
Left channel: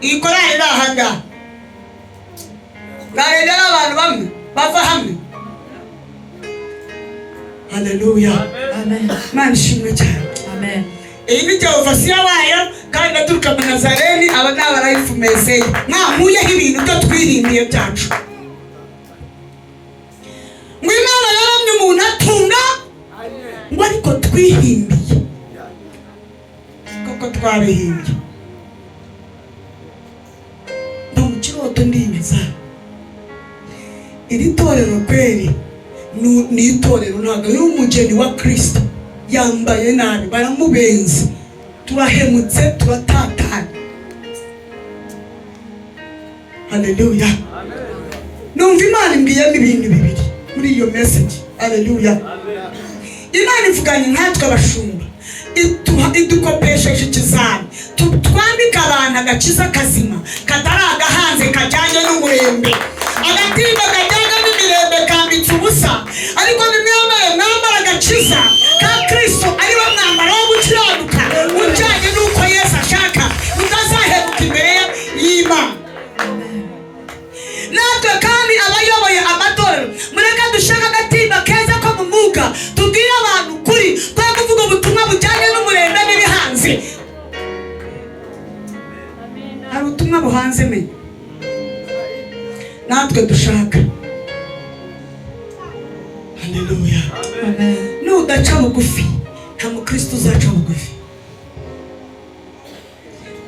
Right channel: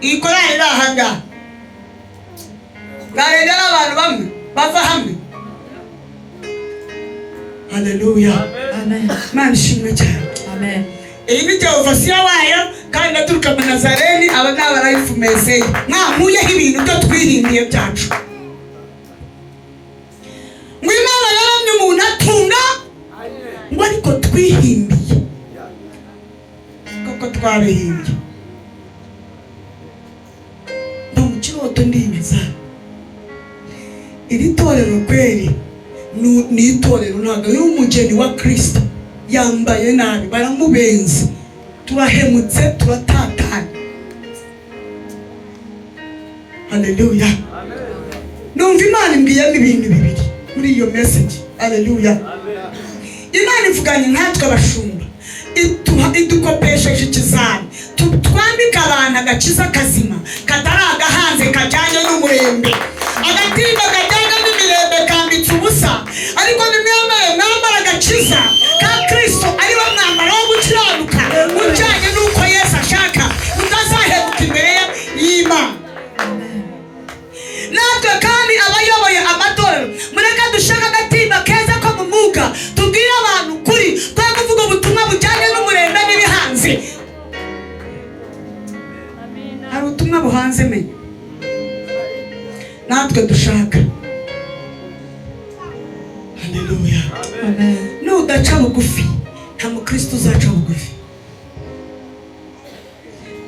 iyi korali bahanga barega n'abantu bamwe bava hamwe. Haleluya. Amen. Mana ishimwe cyane. Amen. Iyi ni Jehova wayo kandi ndaturuka mu Nazareni aba n'abarayifumezeye mwamuyeho ibintu byo twihindiye byacu mu Imana yaremye umuntu atunga ngo ariko twihimbiye koko twabihimbye no mu kiroto ndibaza iri torero kweri ni itorero ntabwo ari umugeni wa Kristo yambaye nabi baramubenza turahemutse turatatana. Haleluya. Numva Imana imbwiyemo ibintu bibiri muri iyo message. Haleluya. Imana ivugana natwe abashumba idukopesheje ikizami twambika abantu agakiza kazima katari agahanze kajyanye n'umurembe, agatimba kajyanye n'imirembe kambitse ubusa, ariko nimwambare mwambara agakiza ka Kristo ariwo mwambaro wo gukiranuka ujyanye n'uko Yesu ashaka, utazahebuka imbere y'Imana. Natwe kandi abayoboye amatorero mureka dushaka agatimba keza ko mu mwuka tubwire abantu kuri twa kuvuga ubutumwa bujyanye n'umurembe n'ibihanze. Hari ubutumwa buhanze me natwe dushaka. Haleluya. Nudaca bugufi nta mukristo uzaca bugufi.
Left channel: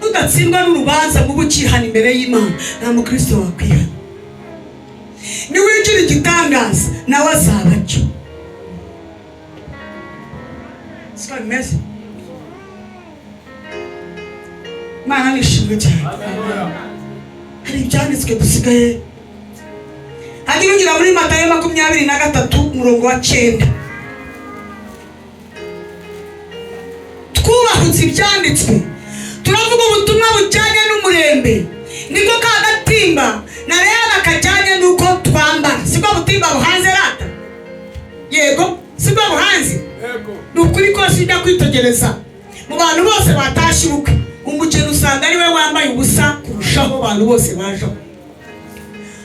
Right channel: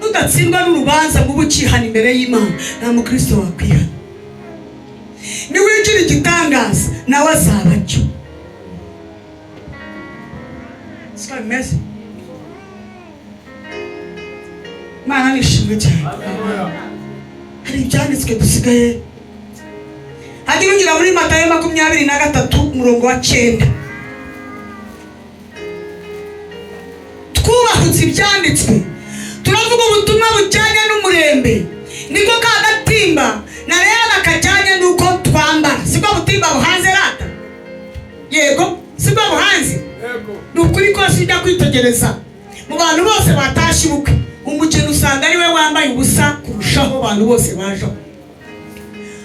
Nudatsindwa n'urubanza mu bukihana imbere y'Imana nta mukristo wakwihana. Niwigira igitangaza nawe azaba cyo. Siko bimeze. Mana nishimye cyane. Hari ibyanditswe dusigaye. Hadi winjira muri Matayo 23:9. Twubahutse ibyanditswe. Turavuga ubutumwa bujyanye n'umurembe. Niko kagatimba na rero akajyanye n'uko twambara. Siko butimba buhanze rata. Yego, siko buhanze. Yego. Nukuri ko sinda kwitegereza. Mu bantu bose batashibuka. Umukene usanga ari we wambaye ubusa kurushaho abantu bose baje.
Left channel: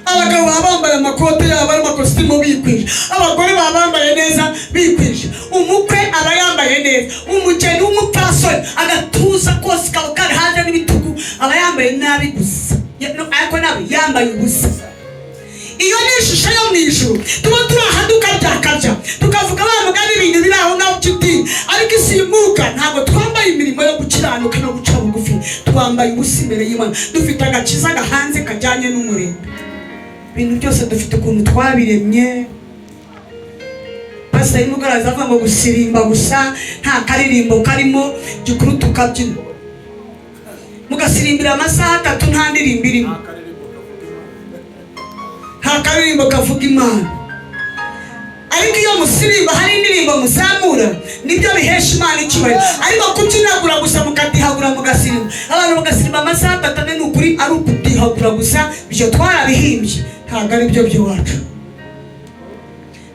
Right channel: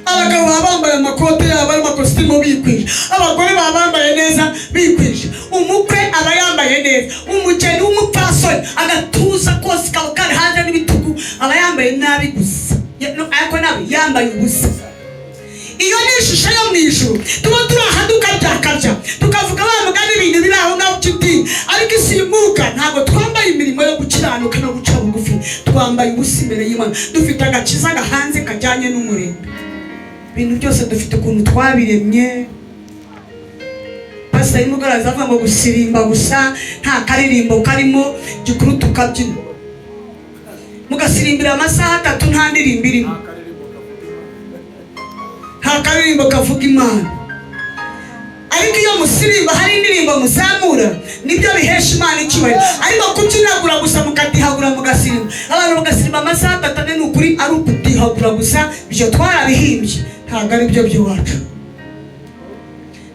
Abagabo bambaye amakote abari amakositimu bikwije, abagore bambaye neza bikwije, umukwe aba yambaye neza, umukene w'umupasori agatuza kose kari hanze n'ibitugu aba yambaye nabi gusa, ariko nawe yambaye ubusa. Iyo ni ishusho yo mu ijuru tuba turahaduka byakabya tukavuga wa mugani ibintu biri aho ngaho cy'idini, ariko isimuka ntabwo twambaye imirimo yo gukiranuka no guca bugufi, twambaye ubusa imbere y'Imana, dufite agakiza gahanze kajyanye n'umurembe. Ibintu byose dufite ukuntu twabiremye. Pastor y'umugaraza avuga ngo gusirimba gusa nta karirimbo karimo, gikuru tukabyina. Mugasirimbira amasaha 3 nta ndirimbo irimo, nta karirimbo kavuga Imana. Ariko iyo musirimba hari indirimbo muzamura nibyo bihesha Imana icyubahiro. Ariko kubyinagura gusa mukatihagura mugasirimba, abantu bagasimba amasaha 3 n'ukuri ari ukutihagura gusa, ibyo twarabihimbye ntabwo ari byo by'iwacu.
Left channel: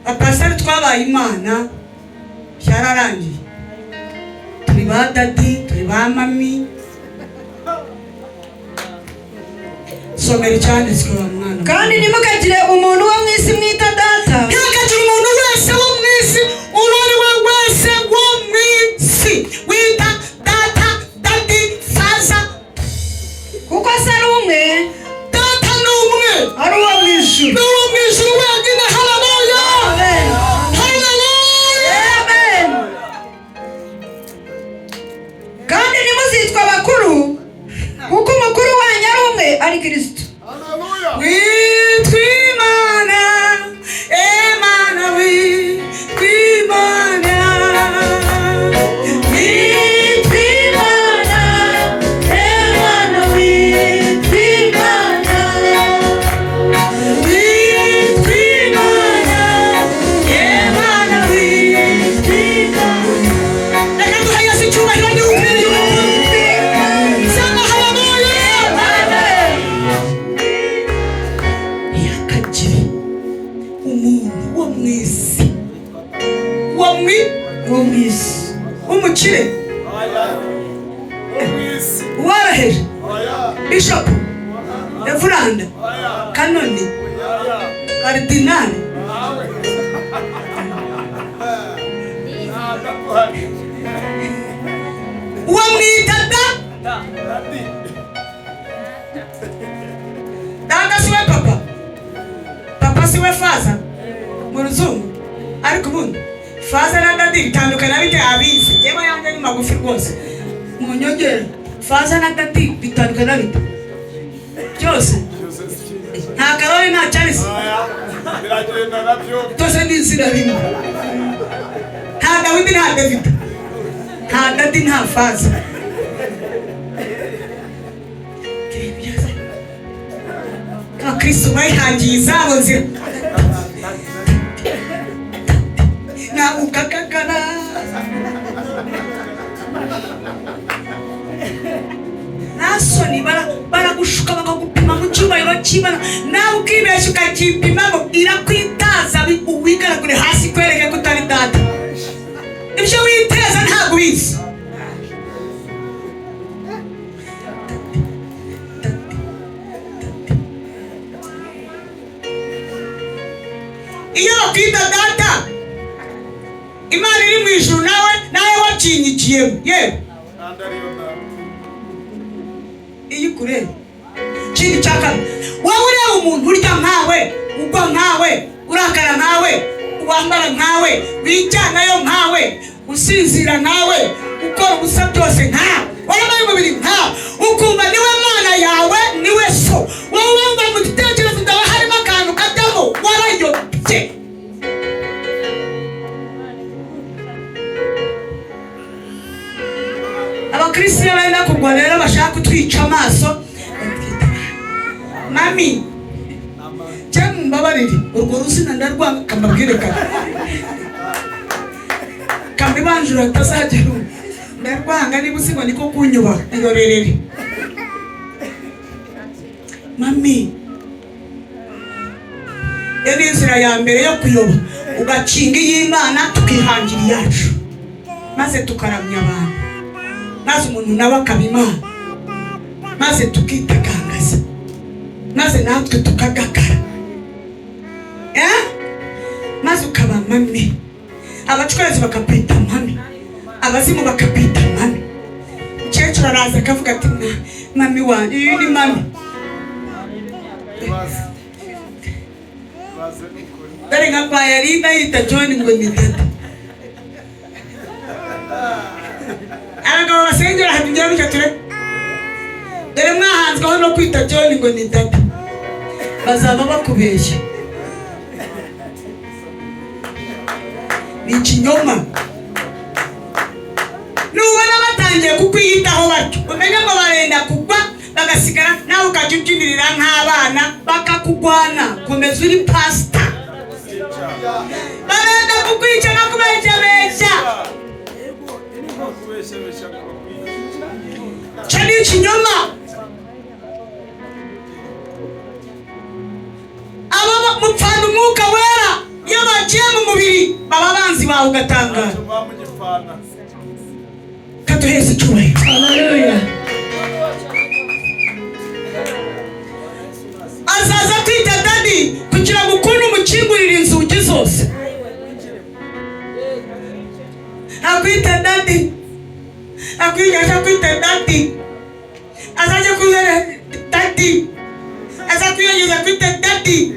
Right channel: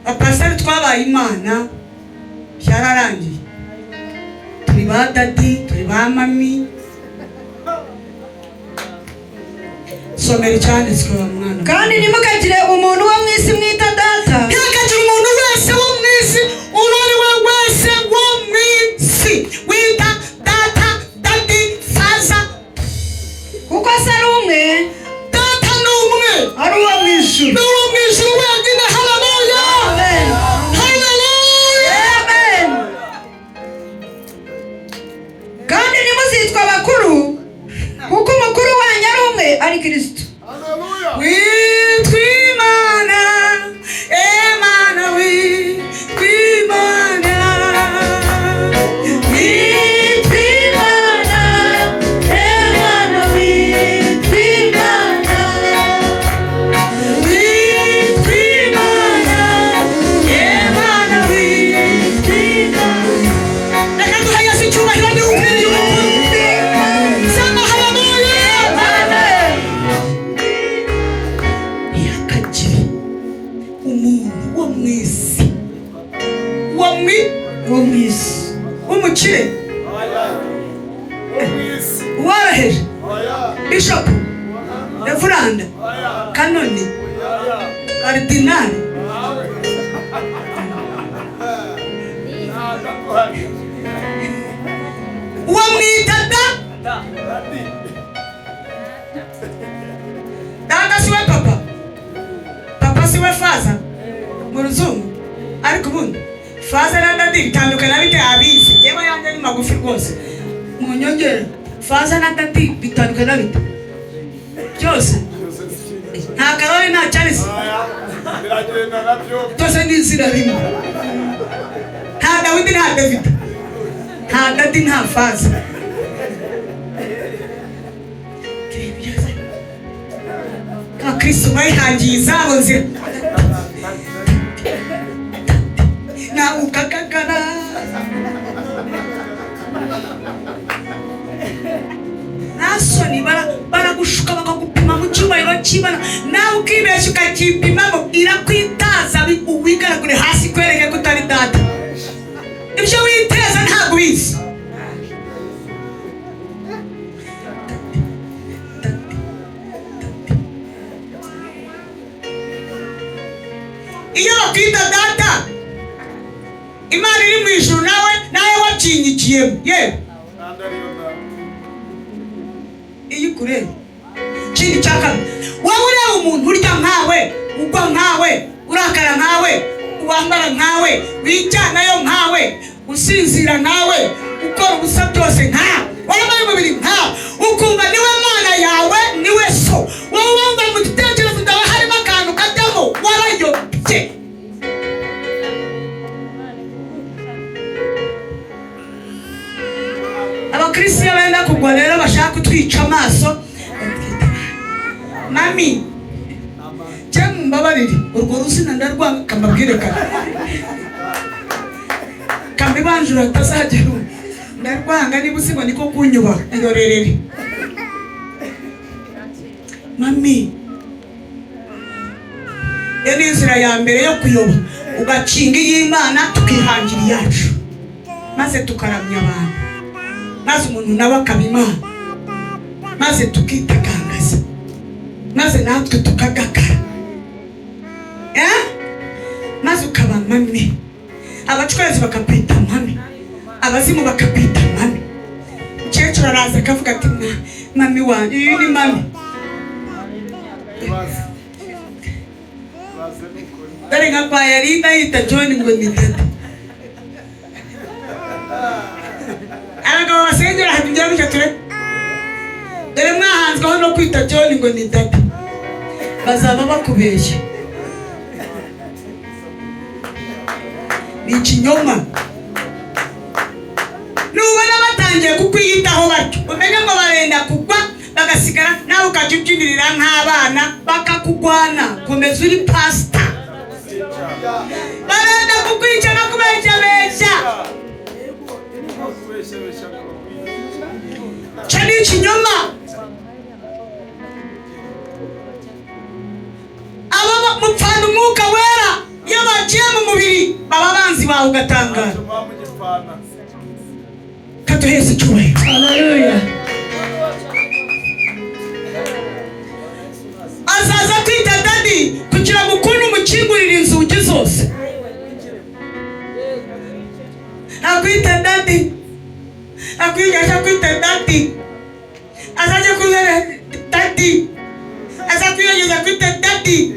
Abapasiteri twabaye Imana byararangiye, turi ba dadi, turi ba mami. Somera icyanditswe wa mwana. Kandi ntimukagire umuntu wo mu isi mwita data. Ntimukagire umuntu wese wo mu isi, uwo ari we wese wo mu isi wita data, dadi, faza, kuko se ari umwe. Data ni umwe, ari uwo mu ijuru. ni uwo mu ijuru wenyine. Haleluya, Amen. haleluya, Amen. Kandi ntimuzitwa bakuru, kuko umukuru wanyu ari umwe, ari Kristo. witwa Imana, Imana witwa Imana, Witwa Imana, Imana witwa Imana. witwa Imana, Imana witwa Imana. Reka duhagaze icyubahiro n'ukwiriye umukuru. Sema haleluya. Yakagira umuntu wo mu isi, wo mu isi, w'umukire, uworoheje, Bishop, Reverend, Kanoni, Karidinali, uwo mwita dada siwe papa, papa siwe faza mu ruzungu. Ariko ubundi faza na dadi bitandukana bite abizi? Yewe yanjye ni magufi rwose, munyongere. Faza na dadi bitandukana bite? Byose nta Karoli nta Charles, twese ni izina rimwe. Nta Dawidi nta David, nta dadi nta faza. Kristo bayihangiye izabo nzira na ukakakara Nasoni baragushuka bakagupima mu cyubahiro cy'Imana nawe ukibeshya ukakipimamo irakwitaza wigaragure hasi kwereke ko utari data. Ibyo witeza ntabwo ubizi. Iyo bakwita data Imana iri mu ijuru nawe wacinyikiyemo yewe iyi kureba. Ikindi cya kabiri, wowe ureba umuntu urya nkawe, ugwa nkawe, urakara nkawe, wambara nkawe, wijyanayo nkawe, usinzira nkawe, ukora ubusa byose nkawe, wambaye umubiri nkawe, ukumva niwe Mana yawe, niwe so. Wowe wumva mu gitekerezo cyawe harimo akantu katamo, warayobye. Abakristo benda kugwa rero bashaka kutwica amaso. Mami cyangwa mbabarire urwo rusina ndarwanga kambabwire kare kambibanjura atazagera ndarwanga niba usiba niko kunyuba ingorerere. Mami inzira ya mbere yo kuyoba ugacinga y'Imana tukihangira iyacu maze tukaramya abantu maze umuntu nawe akaba Imana maze tukitagangaza maze natwe tukagakara maze ukaba mami, abacuruzi bakakwita mami, abazimu bakakwita mami. Umukecuru araza akavuga ati mami wanjye iyi ni mami. Dore nka kwa Yarida yita John ngo ni dada. Abagabo basengera hajya bicaye dore mwahanzweho no kwita John ngo ni dada, bazaba bakubeshya. Ni ikinyoma. Nubona batangiye kukwiyitaho bato umenye ngo barenda kugwa bagasigara nawe ukajya ubyinirira nk'abana bakakugwana. Komeza uri pasita. Barenda kukwica no kubeshyabeshya. Cyo ni ikinyoma. Aba mupfana umwuka wera iyo bagiye mu mubiri baba banzi bawe ugatangara. Katuheze icyubahiro. Haleluya. Azaza kwita dadi kugira ngo ukunde umukingurire inzugi zose. Akwita dadi. Akwita dadi. Azaje kuzana dadi. Azakwiyongeza kwita dadi.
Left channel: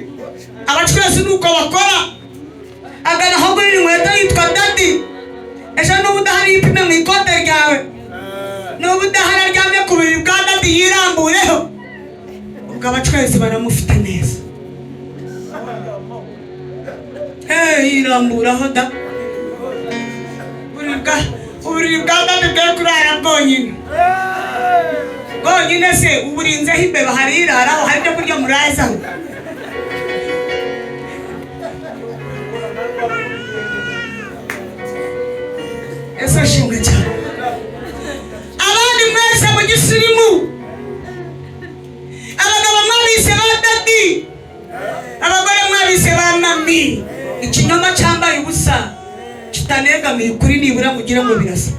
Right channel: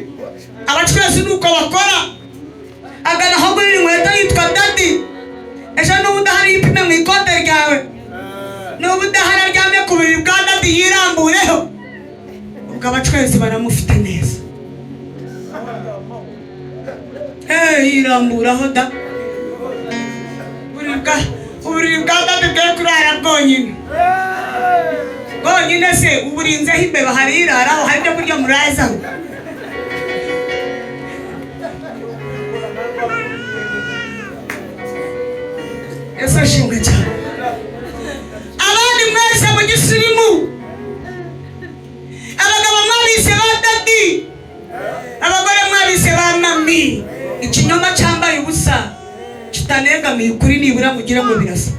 Abacuruzi nuko bakora agana aho gurira inkweto yitwa dadi. Ejo n'ubu udahari ipime mu ikote ryawe, n'ubu udahari aryamye ku buriri bwa dadi yirambuyeho, ubwo abacuruzi baramufite neza. Yiramburaho da uburiri bwa dadi bwe kurara bwonyine. Bwonyine se uburinzeho imbeba hari iraraho hari ibyo kurya murazaho. Yesu ashimwe cyane. Abandi mwese mu gisirimu, abagabo mwabise ba dadi, abagore mwabise ba mami. Ikinyoma cyambaye ubusa kitanegamiye ukuri nibura mugira ngo birasa.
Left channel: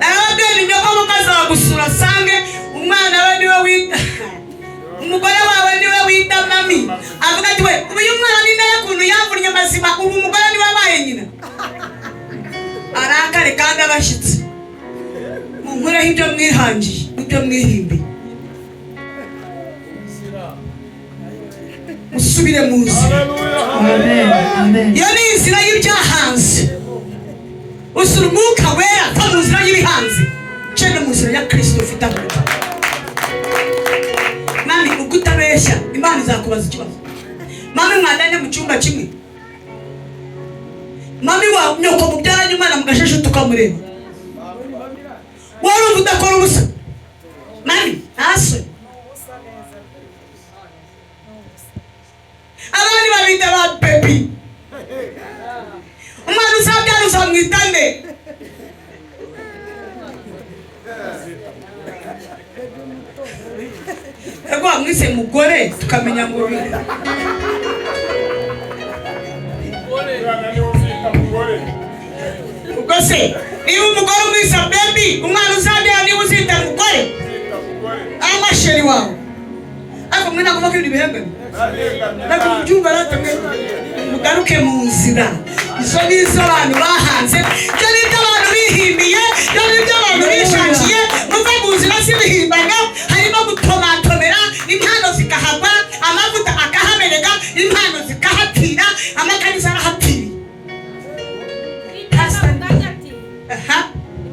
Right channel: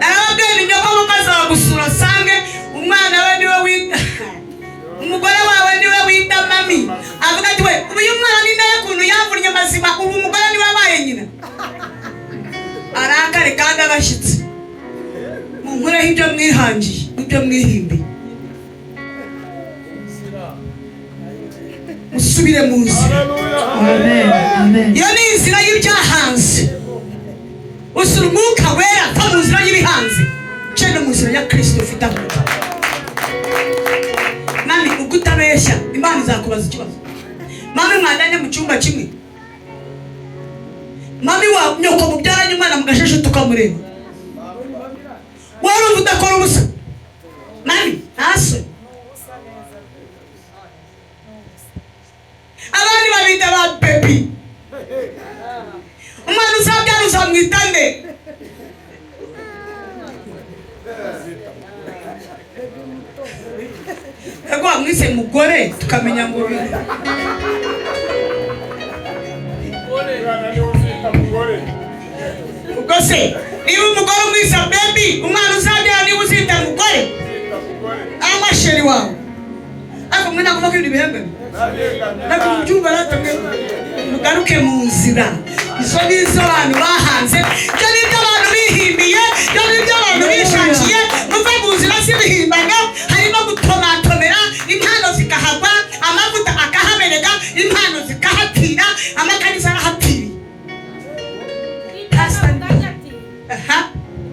Ababyeyi nibo bamaze bagusura sange umwana we niwe wita umugore wawe niwe wita mami. Avuga ati we uyu mwana ni nawe kuntu yamvunye amazima ubu umugore niwe wabaye nyina. Arakare kandi agashitse. Munkureho ibyo mwihangiye ibyo mwihimbi. Musubire mu nzira. Amen. Amen. Iyo ni inzira y'ibyahanze. Usura umwuka wera ko mu nzira y'ibihanze. Cyane mu nzira ya Kristo ufite amata. Mami ugutabeshya Imana izakubaza ikibazo. Mami mwadanye mu cyumba kimwe. Mami wa nyoko mubyaranye umwana mugasheshe tukamureba. Wari udakora ubusa. Mami ase. Abandi babita ba baby. Umwana tukamenya ngo biri. Ubwo se niba umugore umwisa baby umwana uzabyara niba uzita umugore amasheri wawe ariko mwana kuvuga ibintu bihangana ntabwo mubyumva rero mugaruke mu nzira. Izo ni izo abantu bahanze, ibyo ni ibyo abantu bihimbiye, ibyo ni ibyo abantu bishakiye. Muva mu nzira z'ibihimbaga harimo gutomatomera, impano zikahagwa, amavuta akahaberega, impano zikahatira, amakanisa arahapfira.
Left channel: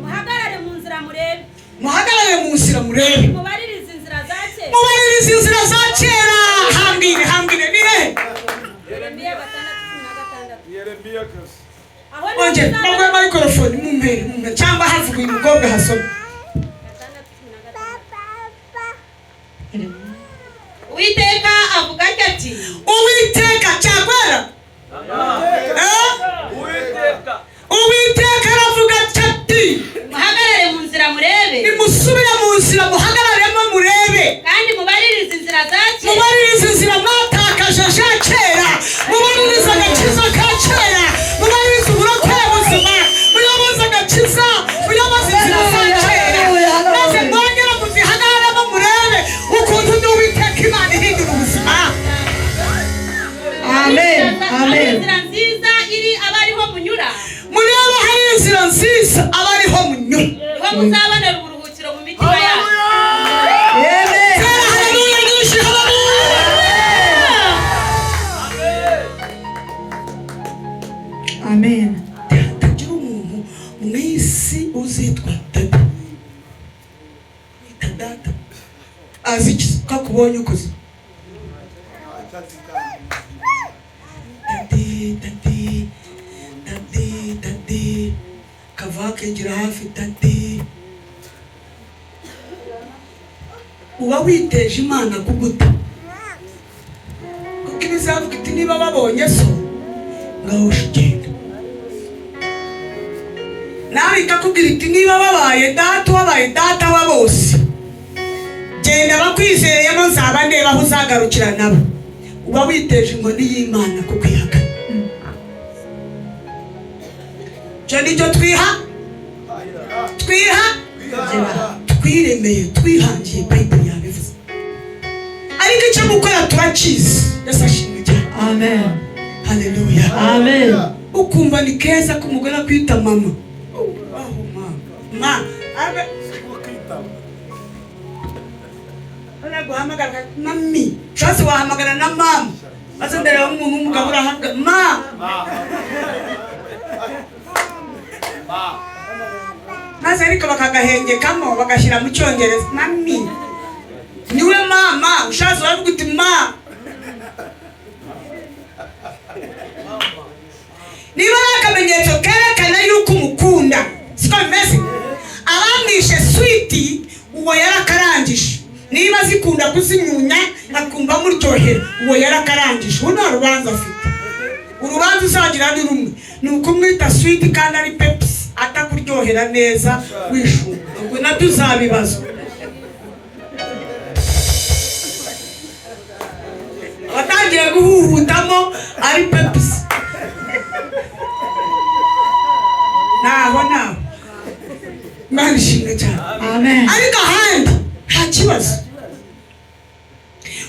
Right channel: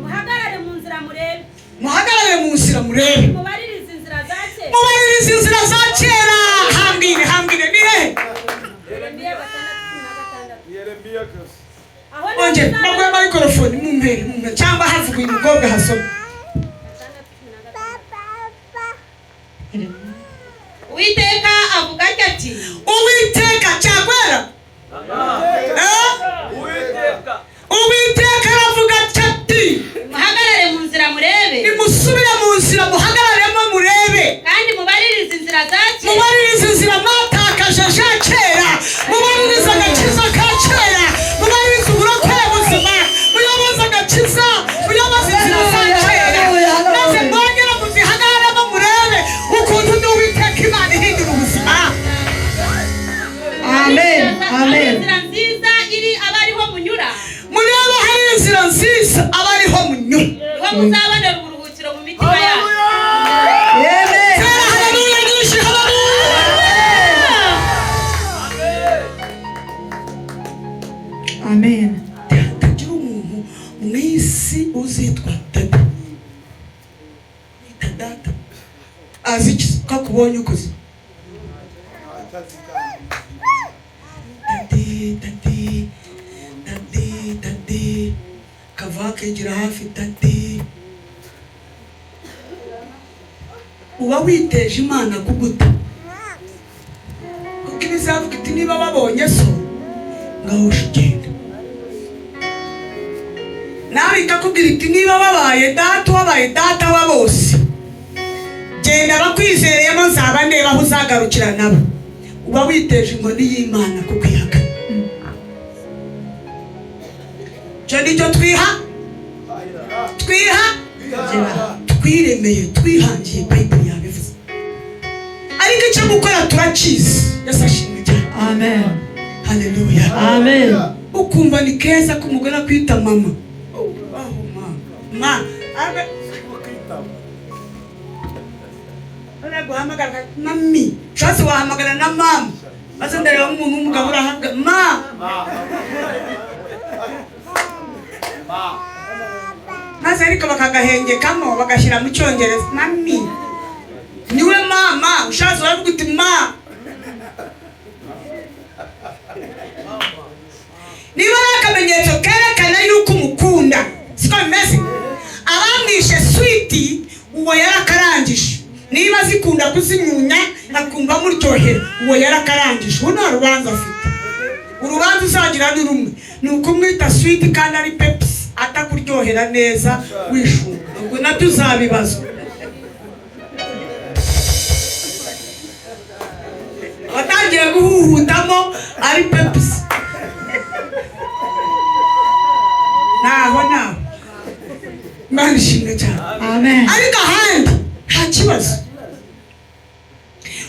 Muhagarare mu nzira murebe. Muhagarare mu nzira murebe. Mubaririze inzira za kera. Mubaririze inzira za kera. Hambire ni he? Yeremiya 6:16. Yeremiya kasi. Onje, nabwo microphone mumpe cyangwa havuga umukobwa hasoma. Uwiteka avuga ati Uwiteka cyagwera. Uwiteka aravuga ati muhagarare mu nzira murebe nimusubire mu nzira muhagararemo murebe kandi mubaririze inzira za kera. mubaririze inzira mwatakaje za kera, mubaririze agakiza ka kera, mubaririze uburokore buzima, muyoboze agakiza, muyoboze inzira za kera, maze mwongere muzihagararemo murebe ukuntu n'Uwiteka Imana ihindura ubuzima. Amen. Amen. Inzira nziza iri abariho munyura. Murebe hari inzira nziza abariho munyura. Niho muzabonera uburuhukiro mu mitima yabo. Haleluya nyinshi, haleluya. Amen. Hatagira umuntu mu isi uzitwa data. Wita data. Azi iki kakubonye ukoze. Dadi. Kava kegera hafi dadi. Uba witeje Imana kuguta. Kuko ibizavuga iti niba babonye so ngaho shigenda. Nawe ikakubwira iti niba wabaye data wa bose, genda bakwizereyemo nzaba ndeba aho uzagarukira nabo. Uba witeje inkoni y'Imana kuko ihakana. Cyo nicyo twiremeye, twihangiye, Bible yabivuze. Ariko icyo gukora turakizi. Yesu ashimwe cyane. Amen. Haleluya. Amen. Ukumva ni keza ko umugore akwita mama. Ma. Ana guhamagara mami. Cyose wahamagara na mama. Maze mbere w'umuntu w'umugabo urahabwa ma. Maze ariko bakagahengekamo bagashyira mu cyongereza mami. Niwe mama, ushaje uravuga uti ma. Niba akamenyetso kerekana yuko umukunda, siko bimeze. Abamwishe sweet uwo yarakarangije. Niba zikunda kuzinyunya akumva muryohera, uwo yarakarangije. Uwo nta rubanza afite. Urubanza uzagira ni rumwe, ni ukumwita sweet kandi ari Pepsi atakuryohera neza wishuka. Ubwo nabyo uzabibazwa. Watangira guhuhutamo ari Pepsi. Naho Imana ishimwe cyane. Amen. Ariko ahandi nta kibazo.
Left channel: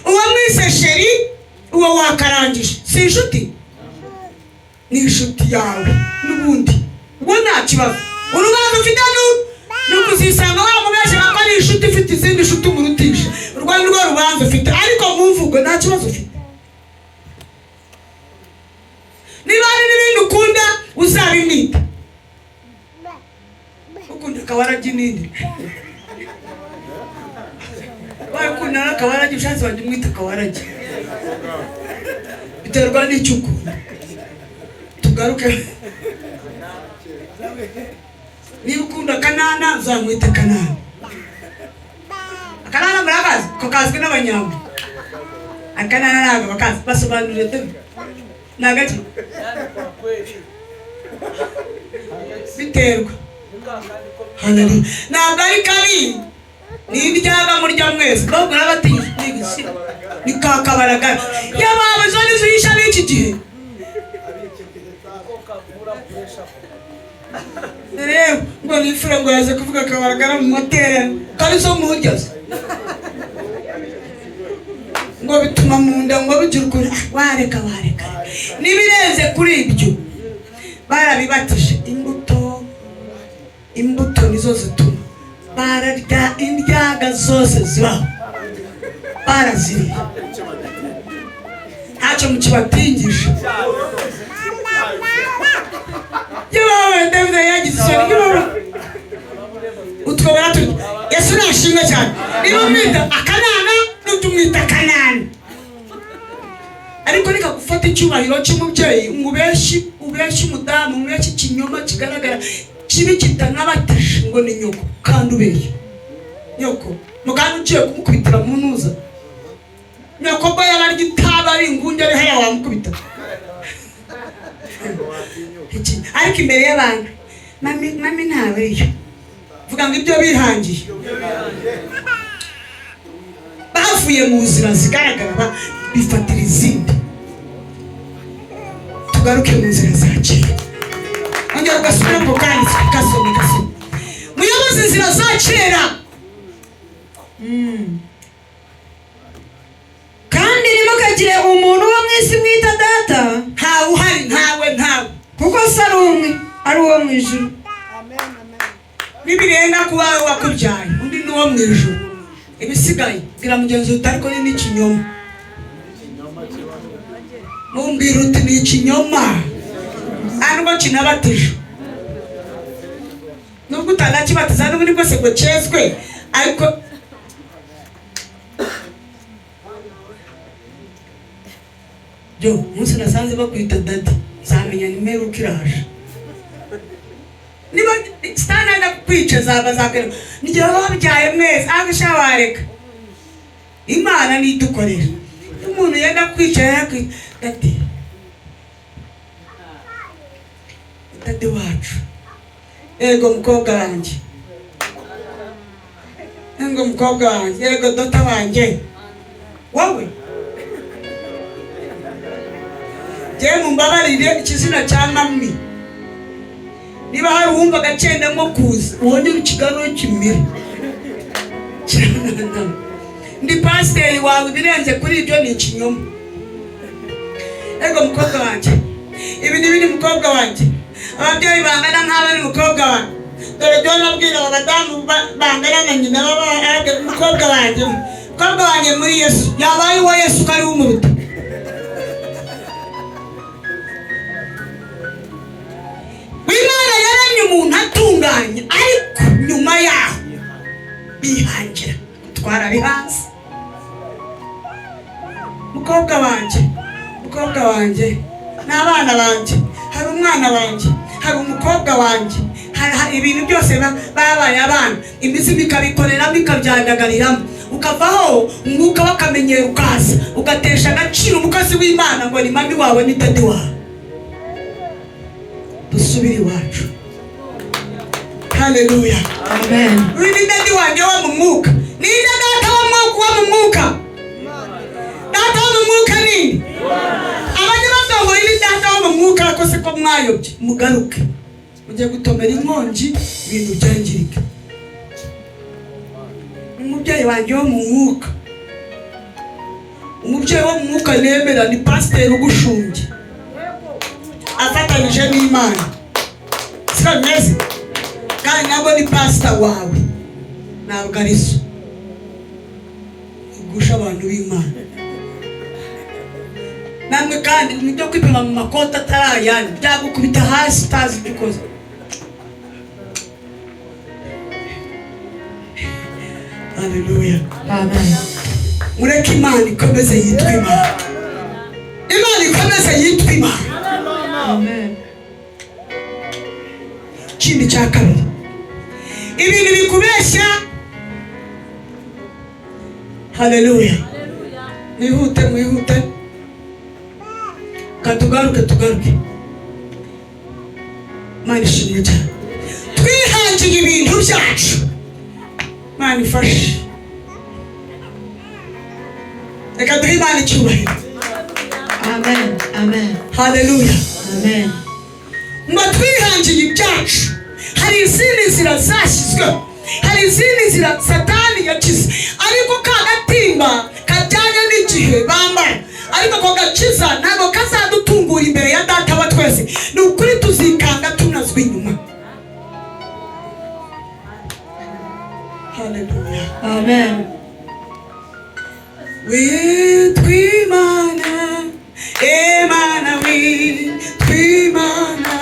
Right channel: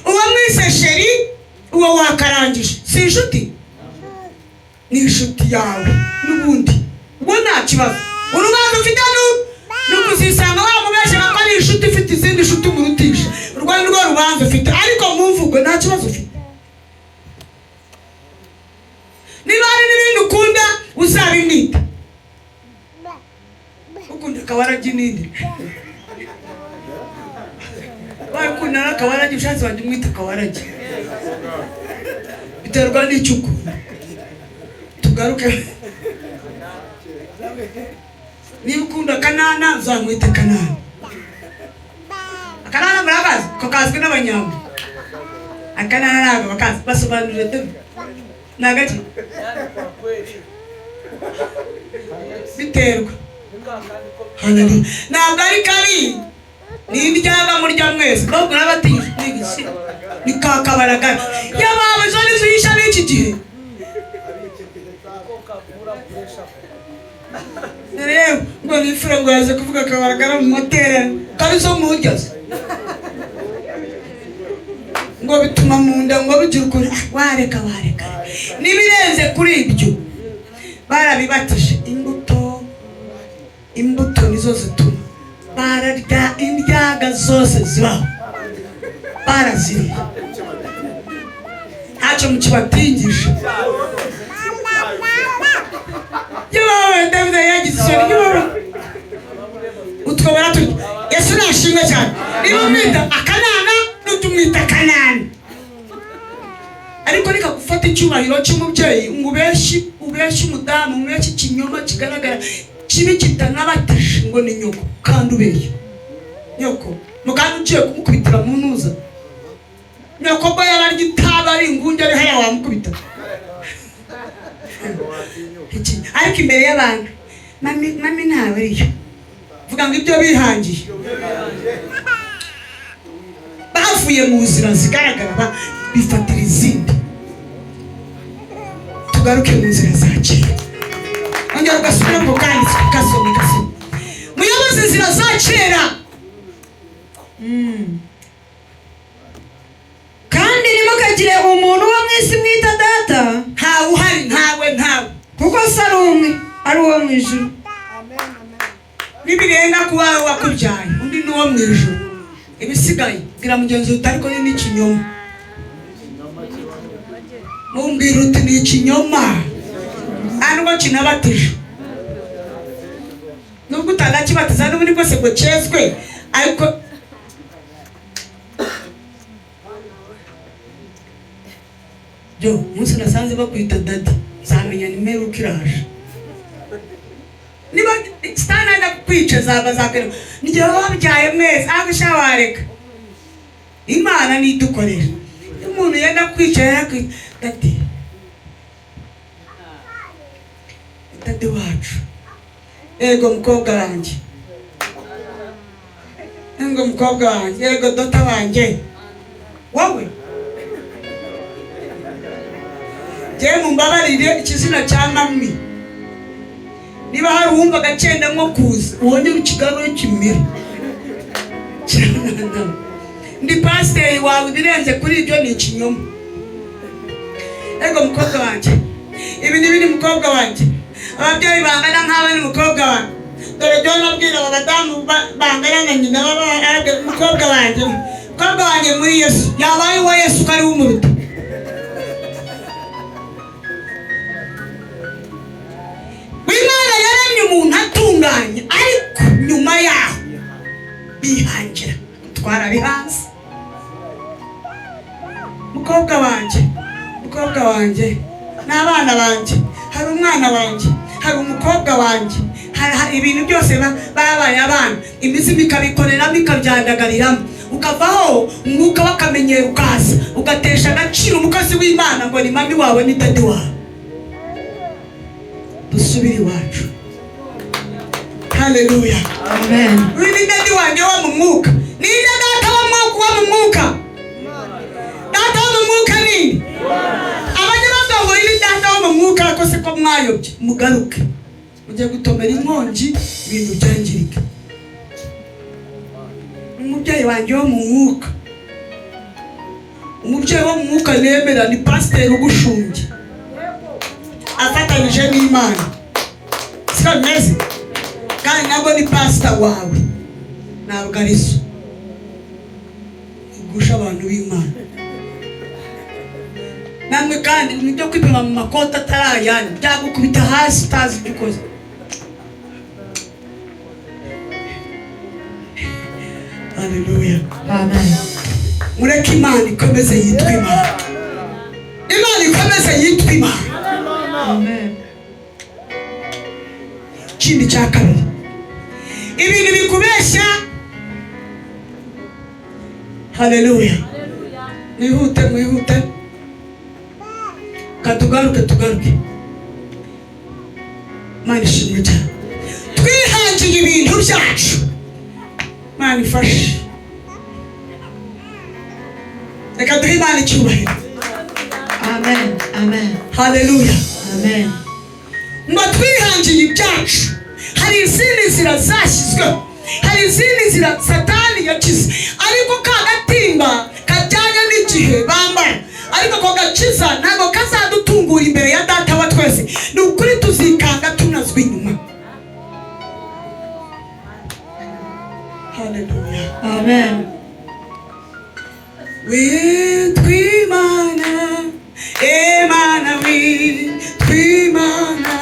Uwo mwise sheri uwo wakarangije si inshuti, ni inshuti yawe n'ubundi ubwo nta kibazo. Urubanza ufite ni ukuzisanga wamubeshyira ko ari inshuti ifite izindi nshuti umurutisha. Urwo ni rwo rubanza ufite, ariko mu mvugo nta kibazo ufite. Niba hari n'ibindi ukunda uzabimwita. Ukunda akawaragi n'indi. Wakunda akawaragi ushatse wajya umwita akawaragi. Biterwa n'icyo ukunda. Tugaruke. Niba ukunda Kanana uzamwita Kanana. Akanana murakazi ko kazwi n'abanyambo. Akanana ntabwo bakazi basobanurire tubi. Nagati. Biterwa. Haleluya. Ntabwo ari kabi. Ni ibyaga muri jya mwese. Ntabwo n'abatinya n'igisi. nikakabaragara yabawe zone zuyisha n'iki gihe rero ngo nifure ngo yaze kuvuga kabaragara mu materaniro karizo muhugeze ngo bituma mu nda ngo bigira ukuri wareka n'ibirenze kuri ibyo barabibatije imbuto nizo zituma bararya indyaga zose zibaho baraziriye ntacyo mukibatingisha yewe David yagize isoni yewe utwobora turi Yesu nashimwe cyane niba mwita akanana n'utumwita kanani ariko reka gufata icyubahiro cy'umubyeyi ubeshyi umudamu ubeshyi ikinyoma kigaragara kibi kitanabatisha ngo ni nyoko kandi ubeye nyoko muganga ugiye kumukubitira mu ntuza nyoko bwo yararya itaba ari ingunge ari haya wamukubita ariko imbere y'abantu mami ntawe ariyo vuga ngo ibyo bihangiye bavuye mu nzira zigaragara bifatira izindi tugaruke mu nzira za kera ongera ugasubira mu kanditse ugasoma muyobozi inzira za kera kandi ntimukagire umuntu wo mu isi mwita data ntawe uhari ntawe kuko se ari umwe ari uwo mu ijuru nibirenga ku wawe wakubyaye undi ni uwo mu ijuru ibisigaye bwira mugenzi wawe ariko ni n'ikinyoma mumbwira uti ni ikinyoma ntabwo kinabatije nubwo utanakibatiza n'ubundi bwose ngo cyezwe ariko byo umunsi nasanze bakwita dadi zamenya nimero uko iraje niba sitanenda kukwica zakera nigihe wabyaye mwese aho ushawareka imana nidukorera umuntu yenda kwica yakwita dadi wacu ego mukobwa wanjye ego dota wanjye wowe jyewe mumbabarire ikizina cya mami niba hari uwumvaga agenda nko kuza ubonye mu kiganiro kimira ndi pasiteri wawe ibirenze kuri ibyo ni ikinyoma ego mukobwa wanjye ibi ni biri mukobwa wanjye ababyeyi bangana nk'abo ari mukobwa wanjye dore jya nabwira aba badamu bangana na nyina mukobwa wanjye muri Yesu yabaye uwo Yesu ko ari we umuruta Imana yaremye umuntu atunganye ariko nyuma yaho bihangira gutwara bihanze mukobwa wanjye n'abana banjye hari umwana wanjye hari umukobwa wanjye hari ibintu byose babaye abana imizimu ikabikoreramo ikabyandagariramo ukavaho umwuka w'akamenyero ukaza ugatesha agaciro umukozi w'Imana ngo ni mami wawe ni dadi wawe dusubire iwacu haleluya amen uyu ni dadi wanjye wo mu mwuka ni data wo mu mwuka data wo mu mwuka ni abagirango ngo ibi data wo mu mwuka ko se ko mwayobye mugaruke ujye gutomera inkongi ibintu byangirike umubyeyi wanjye wo mu mwuka umubyeyi wo mu mwuka yemera ni pasiteri ugushumbye afatanije n'Imana siko neza kandi nabwo ni pasita wawe ntabwo ari so igusha abantu b'Imana namwe kandi nibyo kwipima mu makoti atarayandi byagukubita hasi utazi ibyo ukoze haleluya amen mureke Imana ikomeze yitwa Imana amen ikindi cya kabiri ibintu bikubeshya haleluya mwihute katugaruke Imana ishimwe cyane twihangiye ibintu byacu Imana ifashe reka duhe Imana icyubahiro. Amen. Amen. Haleluya. Amen. Ngo twihangiye ibyacu, hari izindi nzira zashyizweho, hari izindi nzira Satani yakize, ariko ka gatimba kajyanye n'igihe bambara, ariko ko gakiza ntabwo kazadutungura imbere ya Data wa twese. Ni ukuri tuzikanga tunazwe inyuma. Haleluya. Amen. Witwimana, Imana witwimana.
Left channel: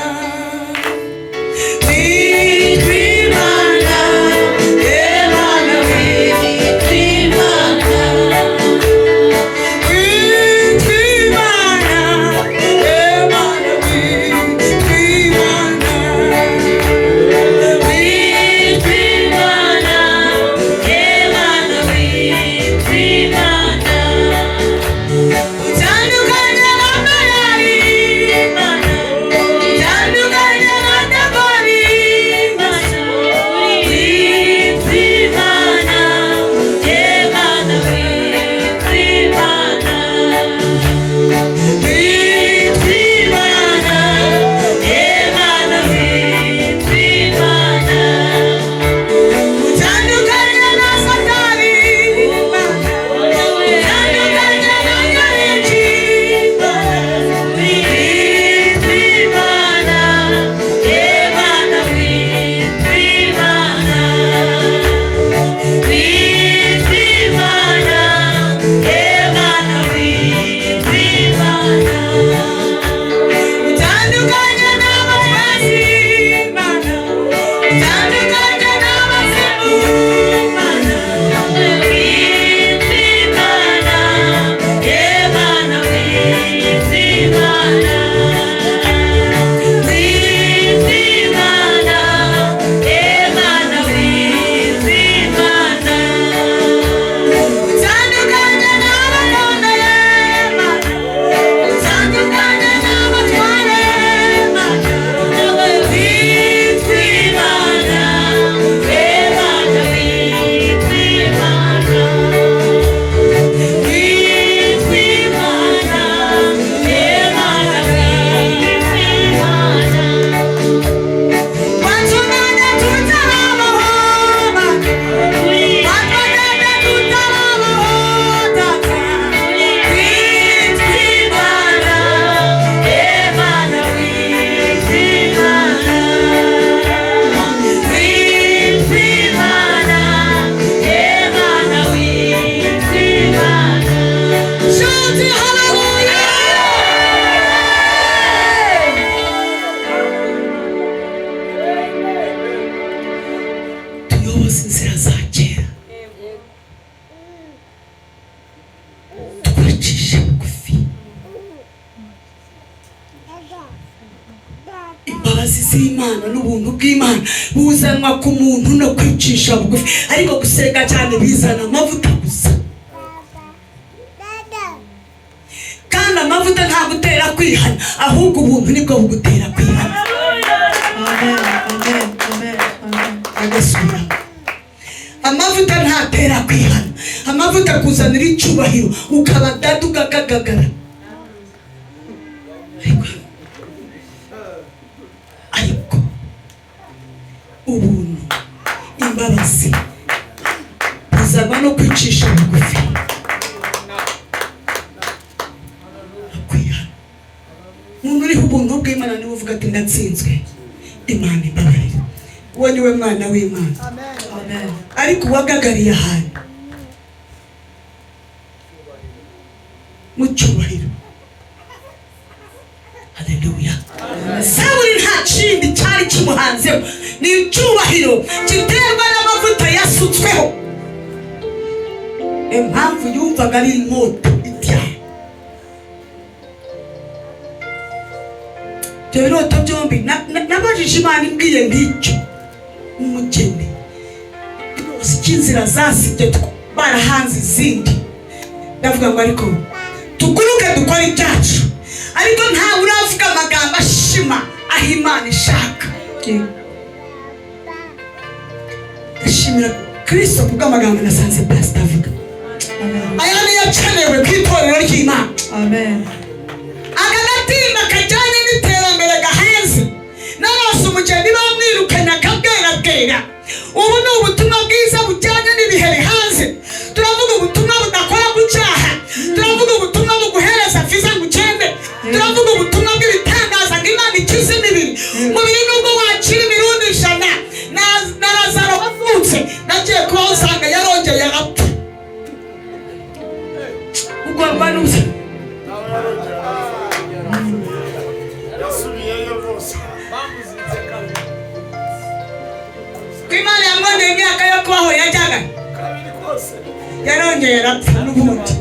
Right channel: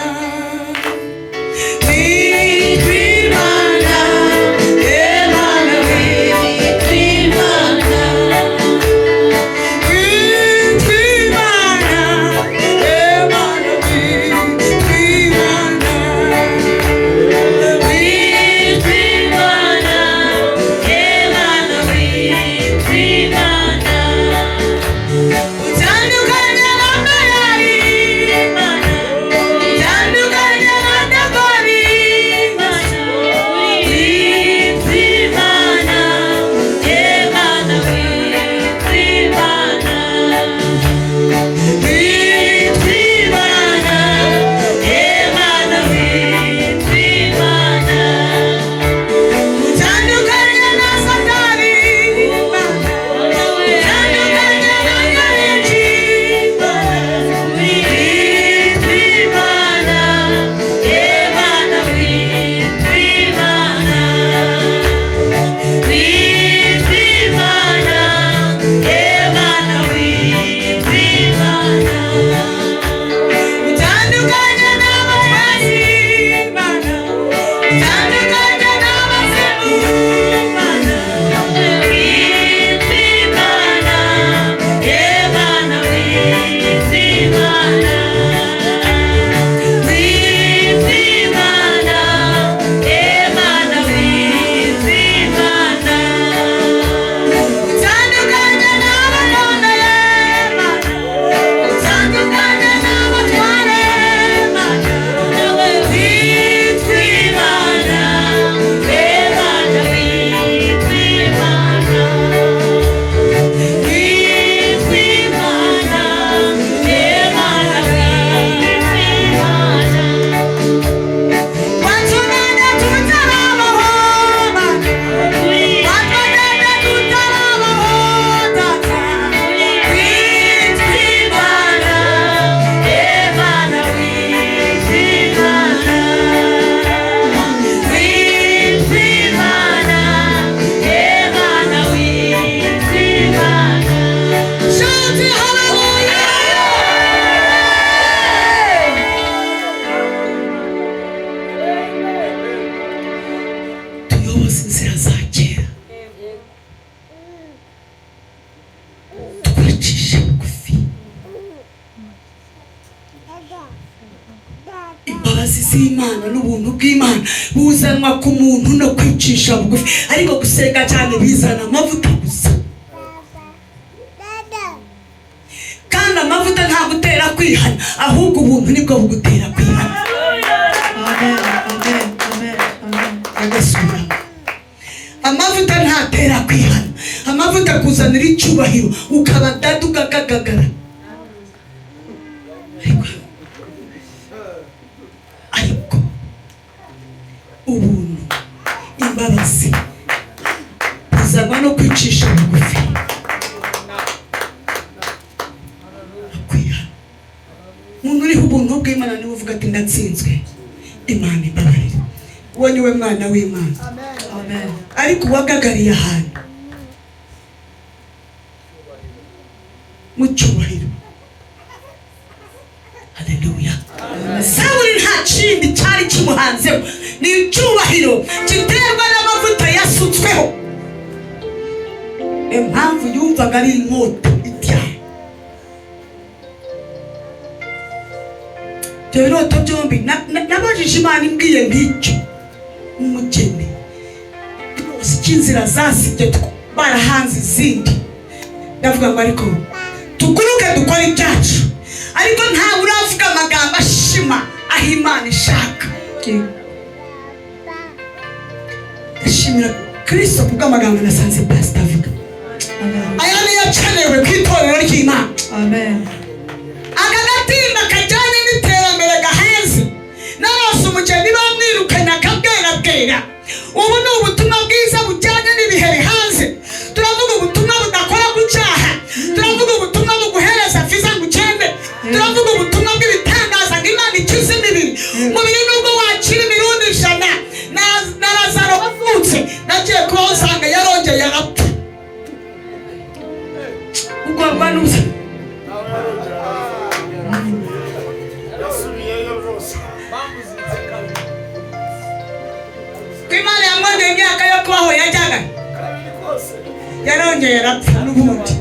Imana n'ubuntu bw'Imana buzanwa ku muntu no kwicisha bugufi, ariko gusenga cyane bizana amavuta gusa, kandi amavuta nta gutera kwihana, ahubwo ubuntu nibwo bugutera kwihana. Agasura amavuta ntatera kwihana, amavuta kuzanira icyubahiro ukaba dadu gagagagara. Ariko ubuntu, imbabazi bizaba no kwicisha bugufi. Umuntu uriho ubuntu bw'Imana niwe uvuga ati ndatsinzwe, Imana imbabarire. Uwo ni we mwana w'Imana. Ariko uwagagariye ahantu mu cyubahiro. Haleluya. Sawuli nta kindi cyari kimuhanzeho, ni icyubahiro giterwa n'amavuta yasutsweho. Impamvu yumvaga ari inkota ityaye. Byoroto byombi nabajije Imana imbwiye nk'icyo umugeni inzira zasibye barahanze izindi. Ndavuga ngo ariko tuguruke dukora ibyacu, ariko ntawe uravuga amagambo ashima aho Imana ishaka. Ashimira Kristo kubw'amagambo nasanze Pastor avuga. aya niyo akenewe ku itorero ry'Imana. Amen. Aka gatimba kajyanye n'iterambere gahenze narose umugeni bamwirukanye akabwera. Ubu ni ubutumwa bwiza bujyanye n'ibihe bihanze. Turavuga ubutumwa budakora ku cyaha, turavuga ubutumwa buguhereza viza ngo ugende, turavuga ubutumwa bw'ibitangaza ngo Imana ikize imibiri. Mubiri nubwo wakira imirundi 100 na Lazaro wavutse nagiye kuba usanga yarongeye arapfa. Ugomba n'uza Imana yamwongeye imyaka yo kubaho yajyaga yarongeye arapfa n'ubundi.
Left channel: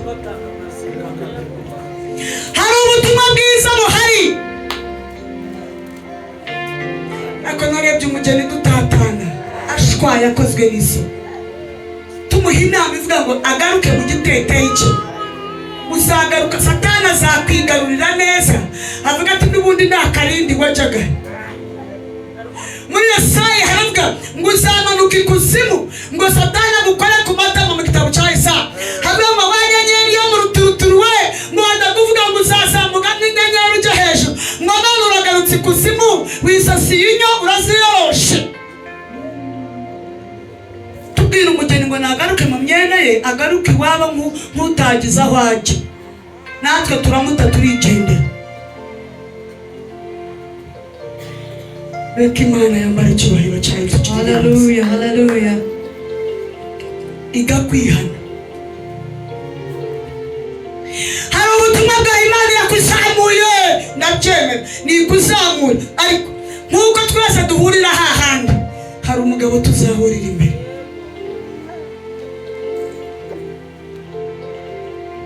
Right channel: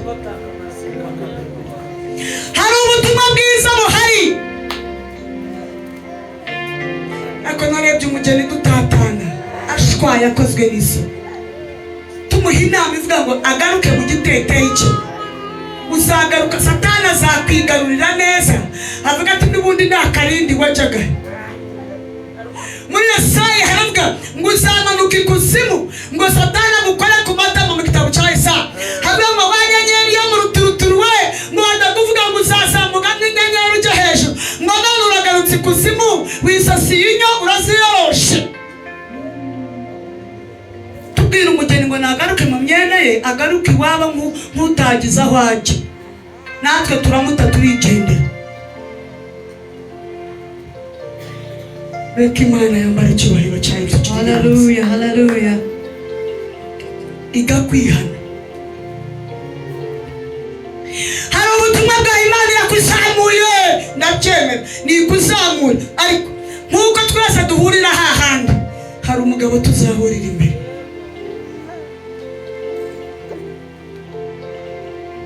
Hari ubutumwa bwiza buhari, ariko narebye umugeni dutatana ashwaye akozwe n'iso. Tumuha inama ivuga ngo agaruke mu giteteyi cye, uzagaruka Satani azakwigarurira neza. Avuga ati n'ubundi nta karindi wajyaga. Muri Yesaya haravuga ngo uzamanuka ikuzimu, ngo Satani agukore ku matama mu gitabo cya Yesaya. Habe ngo wanyenyeri yo mu ruturuturu we, ngo ndakuvuga ngo uzazamuka nk'inyenyeri ujya hejuru. Ngo none uragarutse ikuzimu, wisasiye inyo uraziyoroshe. Tubwire umugeni ngo nagaruke mu myenda ye, agaruke iwabo nk'utagize aho ajya. Natwe turamuta turigendera. Reka Imana yambara icyubahiro cyayo. Hallelujah, hallelujah. Igakwihana. Hari ubutumwa bwa Imana yakuzamuye, ndabyemera ni ikuzamura, ariko nk'uko twese duhurira hahandi hari umugabo tuzahurira imbere.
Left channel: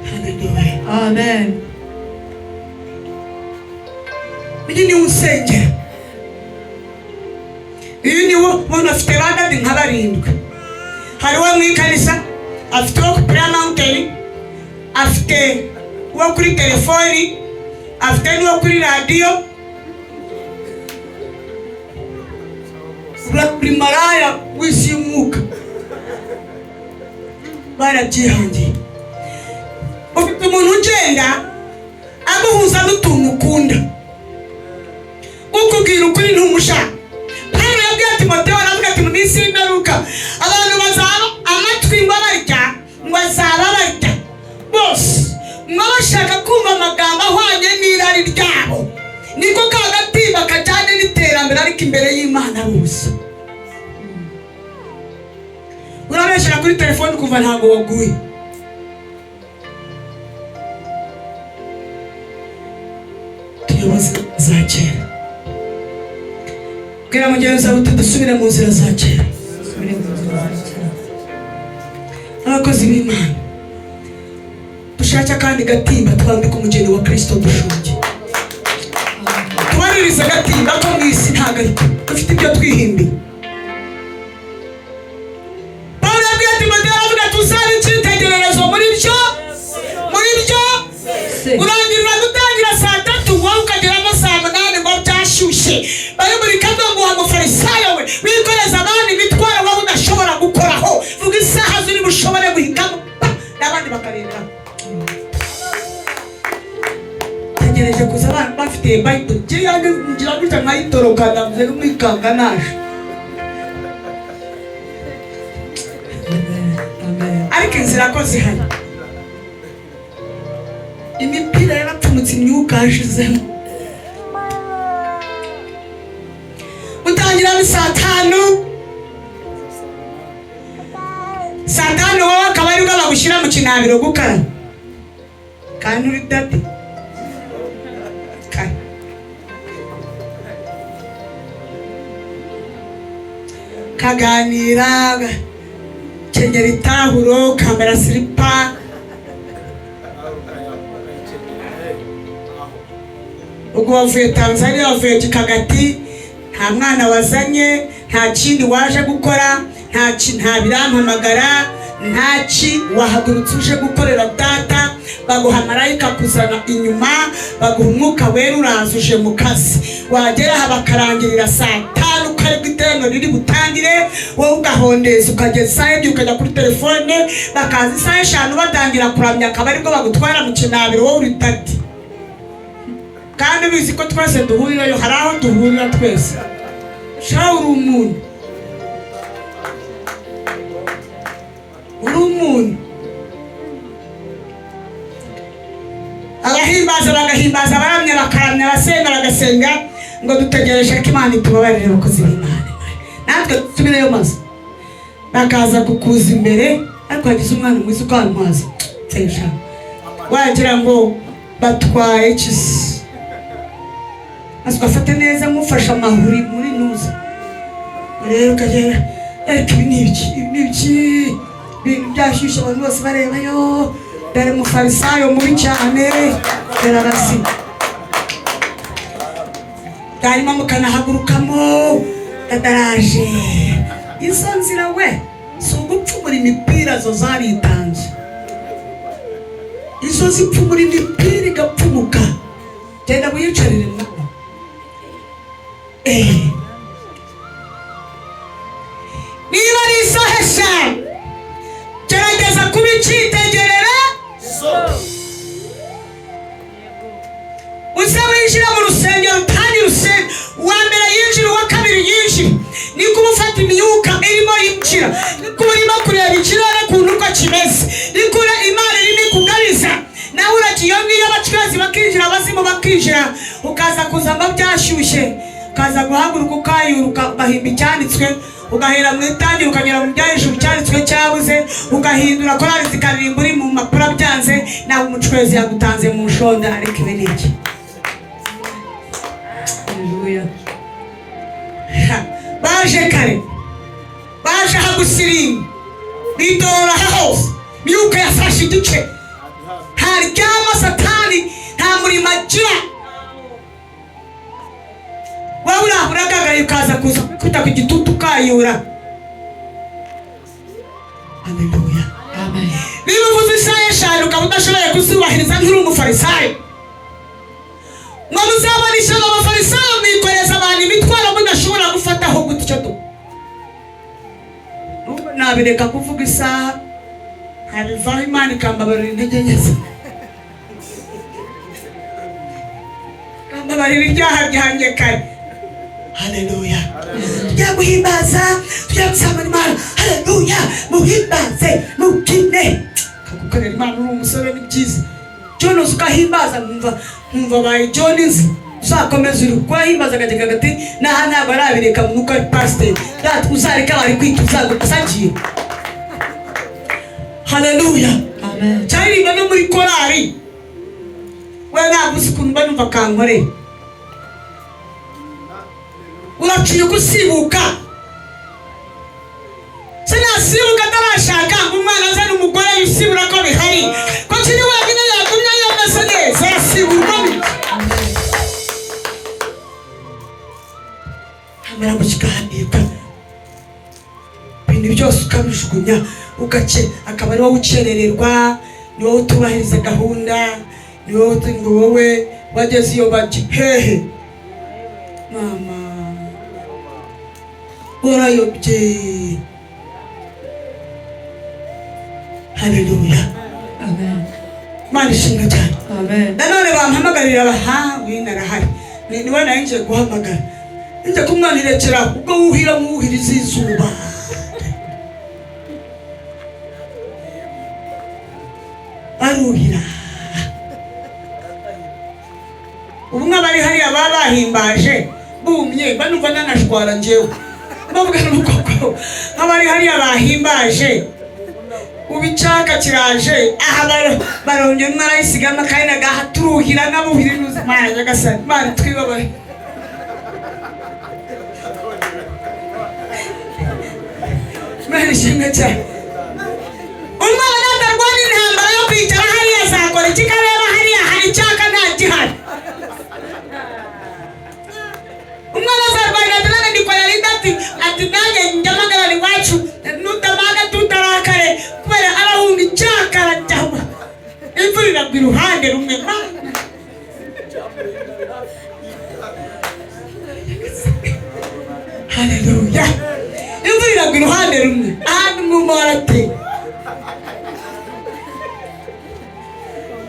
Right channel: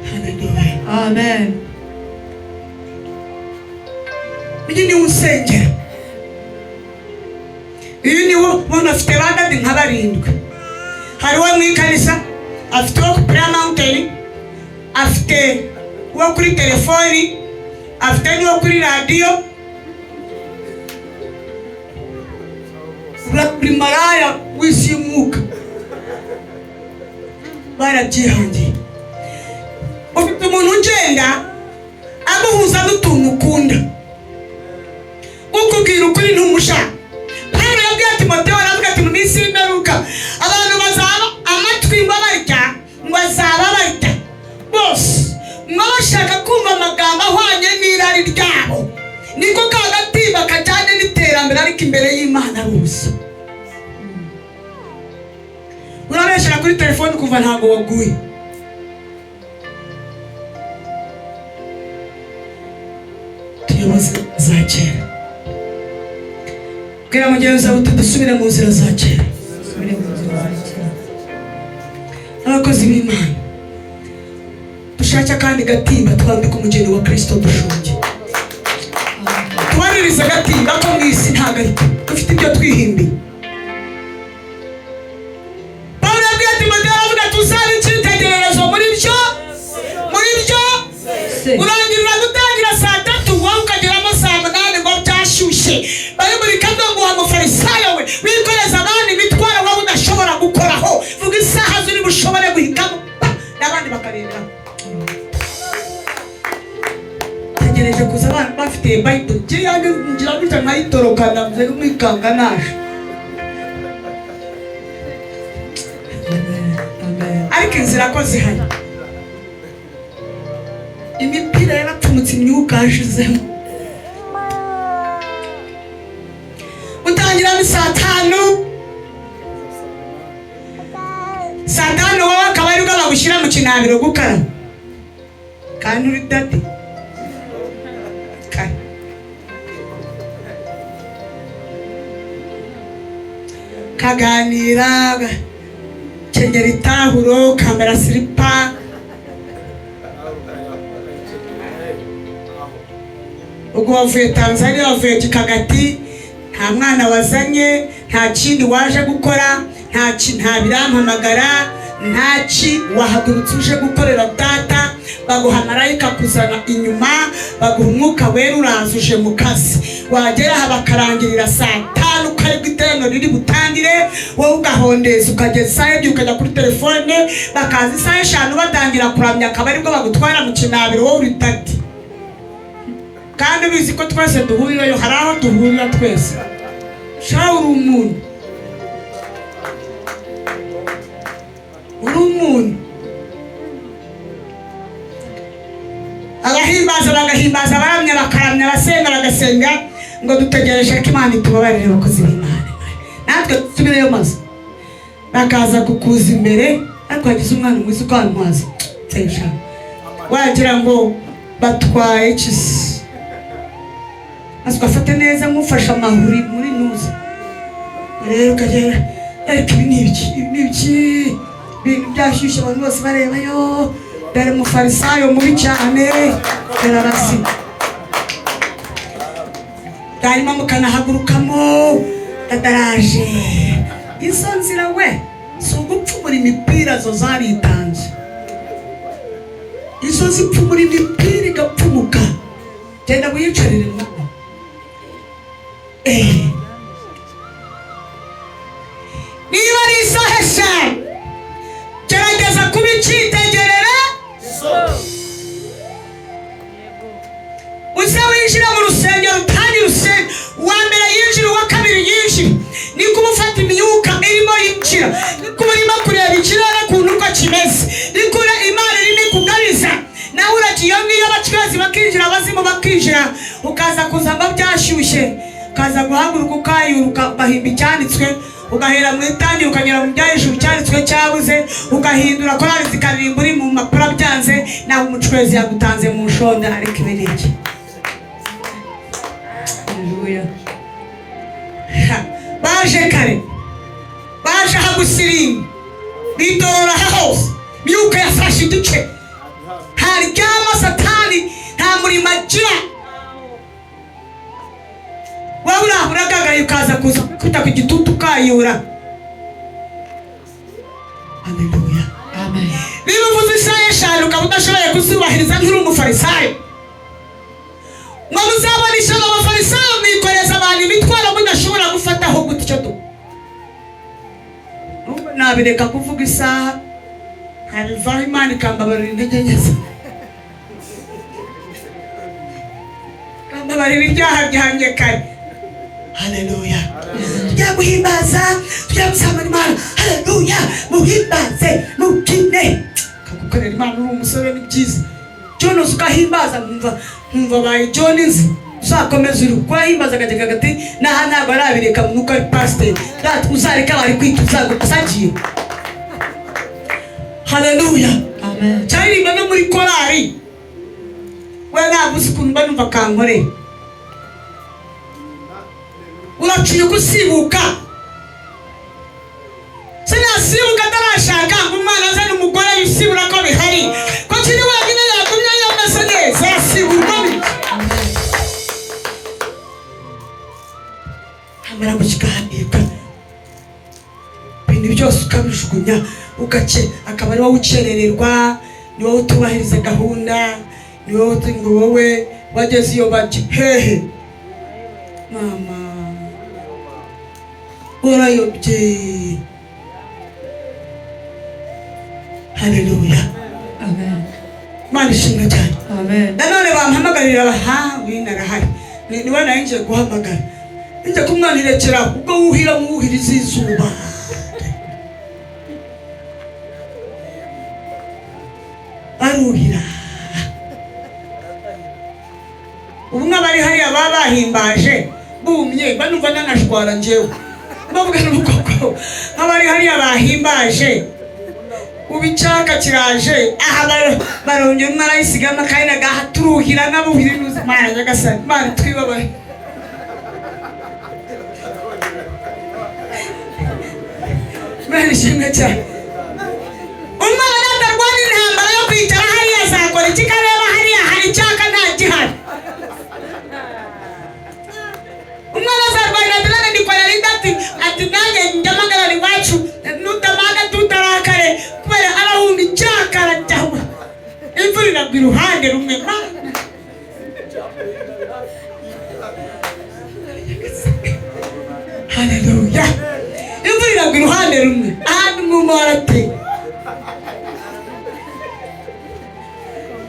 Hallelujah. Amen. Uyu ni usengera. Uyu ni ubona afite bagadi nka 7. Hari uwo mu ikanisa, afite uwo ku Prayer Mountain, afite uwo kuri telefoni, afite n'uwo kuri radiyo. Buri maraya w'isi y'umwuka barabyihangiye. Ufite umuntu ugenda aguhuza n'utuntu ukunda, ukubwira ukuri ntumushaka. Pawulo yabwiye Timoteyo aravuga ati mu minsi y'imperuka abantu bazaba amatwi bararya, ngo bazaba barya bose mwashaka kumva amagambo ahwanye n'irari ryabo. Niko kagatimba kajyanye n'iterambere ariko imbere y'Imana rusa. Urabeshera kuri telefoni kuva ntabwo waguye. Tuyoboze za kera. Bwira mugenzi wawe uti dusubire mu nzira za kera. Abakozi b'Imana, dushake kandi gatimba twambika umugeni wa Kristo dushunge. Tubaririza gatimba ko mu isi ntabwo dufite ibyo twihimbira. Pawulo yabwiye Timoteyo aravuga tuzaba icyitegererezo muri byo urangirira gutangira saa 3 wowe ukagera no saa 8 ngo byashyushye. Bari muri kadogo wa mufarisayo we wikoreza abandi imitwaro wowe udashobora gukoraho. Vuga isaha ziri bushobore guhitamo n'abandi bakarenga. Tegereje kuza bafite Bible cyangwa ngira gutya nkayitorokana mze n'umwikanga naje. Ariko inzira ko zihana. Imipira yabatumutse imyuka yashizemo. Utangira ni saa 5. Saa 5 wowe akaba ari bwo bagushyira mu kinambiro gukara. Kandi uri dati. Kaganira, kenyera itahuro, kamera silipa. Ubwo wavuye Tanzania, wavuye Kikagati, nta mwana wazanye, nta kindi waje gukora, nta birampamagara, ntaki wahagurutse uje gukorera data. Baguha marayika kuzana inyuma, baguha umwuka wera uraza uje mu kazi. Wagera aha bakarangirira saa 5 ukaribwa itendo riri butangire, wowe ugahondeza ukagezayo ibyo ukajya kuri telefone bakaza isaha eshanu batangira kuramya akaba ariko bagutwara mu kinabiro wowe uri tati. Kandi bizi ko twese duhurirayo, hari aho duhurira twese. Shaho uri umuntu, uri umuntu. Abahimbaza bagahimbaza, abaramya bakaramya, abasenga bagasenga, ngo dutegereje ko Imana itubabarire abakozi b'Imana. Natwe tubireyo maze bakaza kukuza imbere, ariko hagize umwana mwiza ukantwaza nsensha wagira ngo batwaye ikisi. Maze ugafata neza mufasha amahuri muri nuza. Rero ukagera ariko ibi n'ibiki byashyushye abantu bose barebayo. Dore umufarisayo mubi cyane, dore arasi. Hanyuma mukanahagurukamo dadaraje. Izo nzira we si ugupfumura imipira zo zaritanze. Izo zipfumura imipira igapfumuka. Genda wiyicarire nabo. Niba ari isaha eshanu, gerageza kuba icyitegerera. Uzaba winjira mu rusengero kandi rusenge uwa mbere yinjira, uwa kabiri yinjira. Niko ufata imyuka irimo yinjira, niko urimo kureba ikirere ukuntu uko kimeze, niko Imana irimo kugariza. Nawe uragiye iyo abacuruzi bakinjira, abazimu bakinjira, ukaza kuzamo byashyushye, ukaza guhaguruka ukayuruka ugahimba icyanditswe, ugahera mu itangira ukagera mu byahejuru cyanditswe cyabuze, ugahindura korali zikaririmba uri mu mpapuro byanze, nawe umucuruzi yagutanze mu nshonda. Ariko ibi ni iki? Baje kare, baje hagusirimu, bidora hose, myuka yafashe igice. Haryama Satani nta murimo agira. Wowe uraho uragagaye ukaza kuza kwitaka igitutu ukayura. Haleluya. Amen. Niba uvuze isaha eshanu ukaba udashoboye kuzubahiriza nk'uri umufarisayo, ngo muzabanisha abafarisayo mwikoreza abantu imitwaro mudashobora gufataho gutyo tu. Nubwo nabireka kuvuga isaha, harivaho Imana ikambabarira intege nke. Kambabarira ibyaha byanjye kare. Haleluya. Tujya guhimbaza, tujya gusabana Imana. Haleluya. Muhimbaze, mukine. Kagukorera Imana uri umusore ni byiza. Jones ukahimbaza numva bayi Jones. Uzakomeza uri kwahimbaza gateka gati ntabwo arabireka nuko ari pastor. That uzareka bari kwituza gusagiye. Haleluya. Amen. Cyari bano muri korari. Wewe ntabwo usikumva numva kankore. Uraciye gusibuka. Sinasibuka atarashaka umwana azana umugore yisibura ko bihari. Ko kiri wenyine yatumye yameze neza yasibura ni. Amara mukiganirwa. Ibintu byose ukabijugunya ugace akaba ari wowe ucerererwa, ni wowe utubahiriza gahunda, ni wowe wageze iyo bati hehe mama urayobye. Haleluya. Amen. Imana ishimwe cyane. Amen. Nanone bampamagarira abahawe narahari, niwe narinje guhamagara nje kumwanirekera ubwo wuhira muhiriza izuba. Aruhira ubu n'abari hariya babahimbaje bumye banumva nanashwara njyewe bavuga nuko abari hariya bahimbaje ubicaka kiraje aha baronye mwarayisiga amakarina gahaturuhira n'abuhira n'uzimana nyagasani Imana twibabaye. Imana ishimwe cyane. Umwana atarwara intambara yo kwicara hariya azakora iki? Kareba hariya hari icyaka nta gihari. Umwana azarwara intambara ndikora rindati ati nanjye ndamagara iwacu nutamaga tutarakare kubera arahunga icyaka arajyaho. Imvura iragwa iruhande rumwe. Haleluya. Imvura iragwa iruhande rumwe, ahandi mwumva warateye.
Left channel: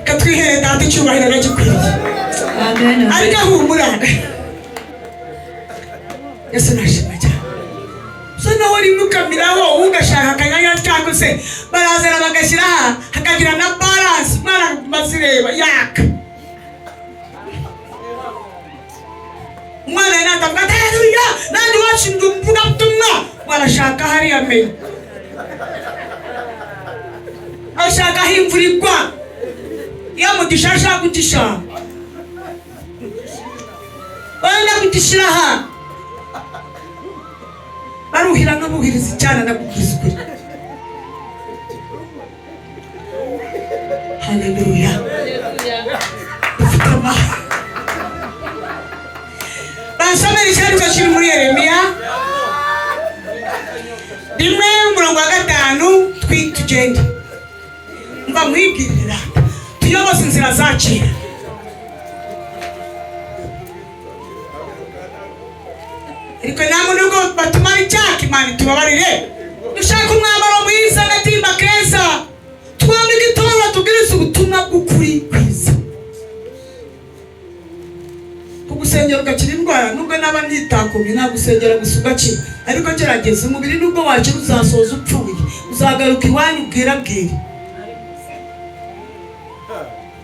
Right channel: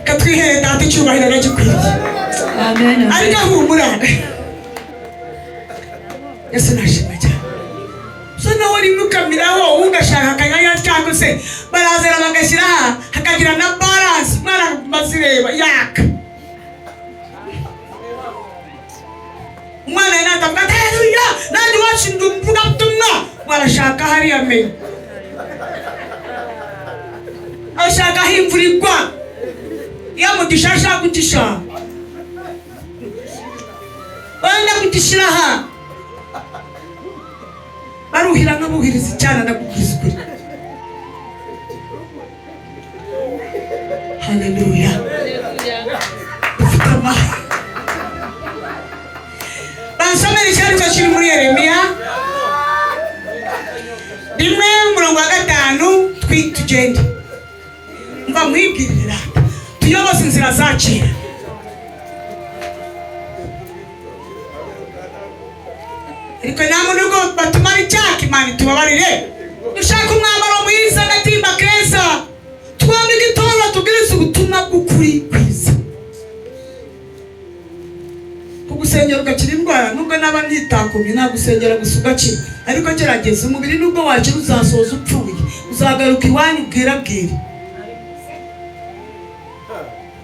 Katwihere data icyubahiro bagikwiriye. Amen. Ariko humura. Yesu nashimwe cyane. So naho rimukamiraho ugashaka akanya cyangwa se barazira bagashyira hakagira na balance mara bazireba yaka. Umwana yanatanga haleluya nandi washinga umvuga butumwa barashaka hariya mbere. Ashaka himvurirwa ya mutishasha kutisha. Wenda kutishiraha baruhira n'abuhiriza cyane nakubwiza ukuri. Haleluya. Basomera icyandiko kiri muri Yeremiya 1:5 tugende. Mba mwibwirira tuyoboze inzira zacu. Ariko namunugo batumara icyaka Imana tubabarire. Dushaka umwambaro mwiza agatimba keza. Twebwe igitondo tubwiriza ubutumwa bw'ukuri kwiza. Kugusengera ugakira indwara nubwo naba ntitakumye nagusengera gusa ugakira. Ariko gerageza umubiri nubwo wakira uzasoza upfuye. Uzagaruka iwanyu bwirabwira.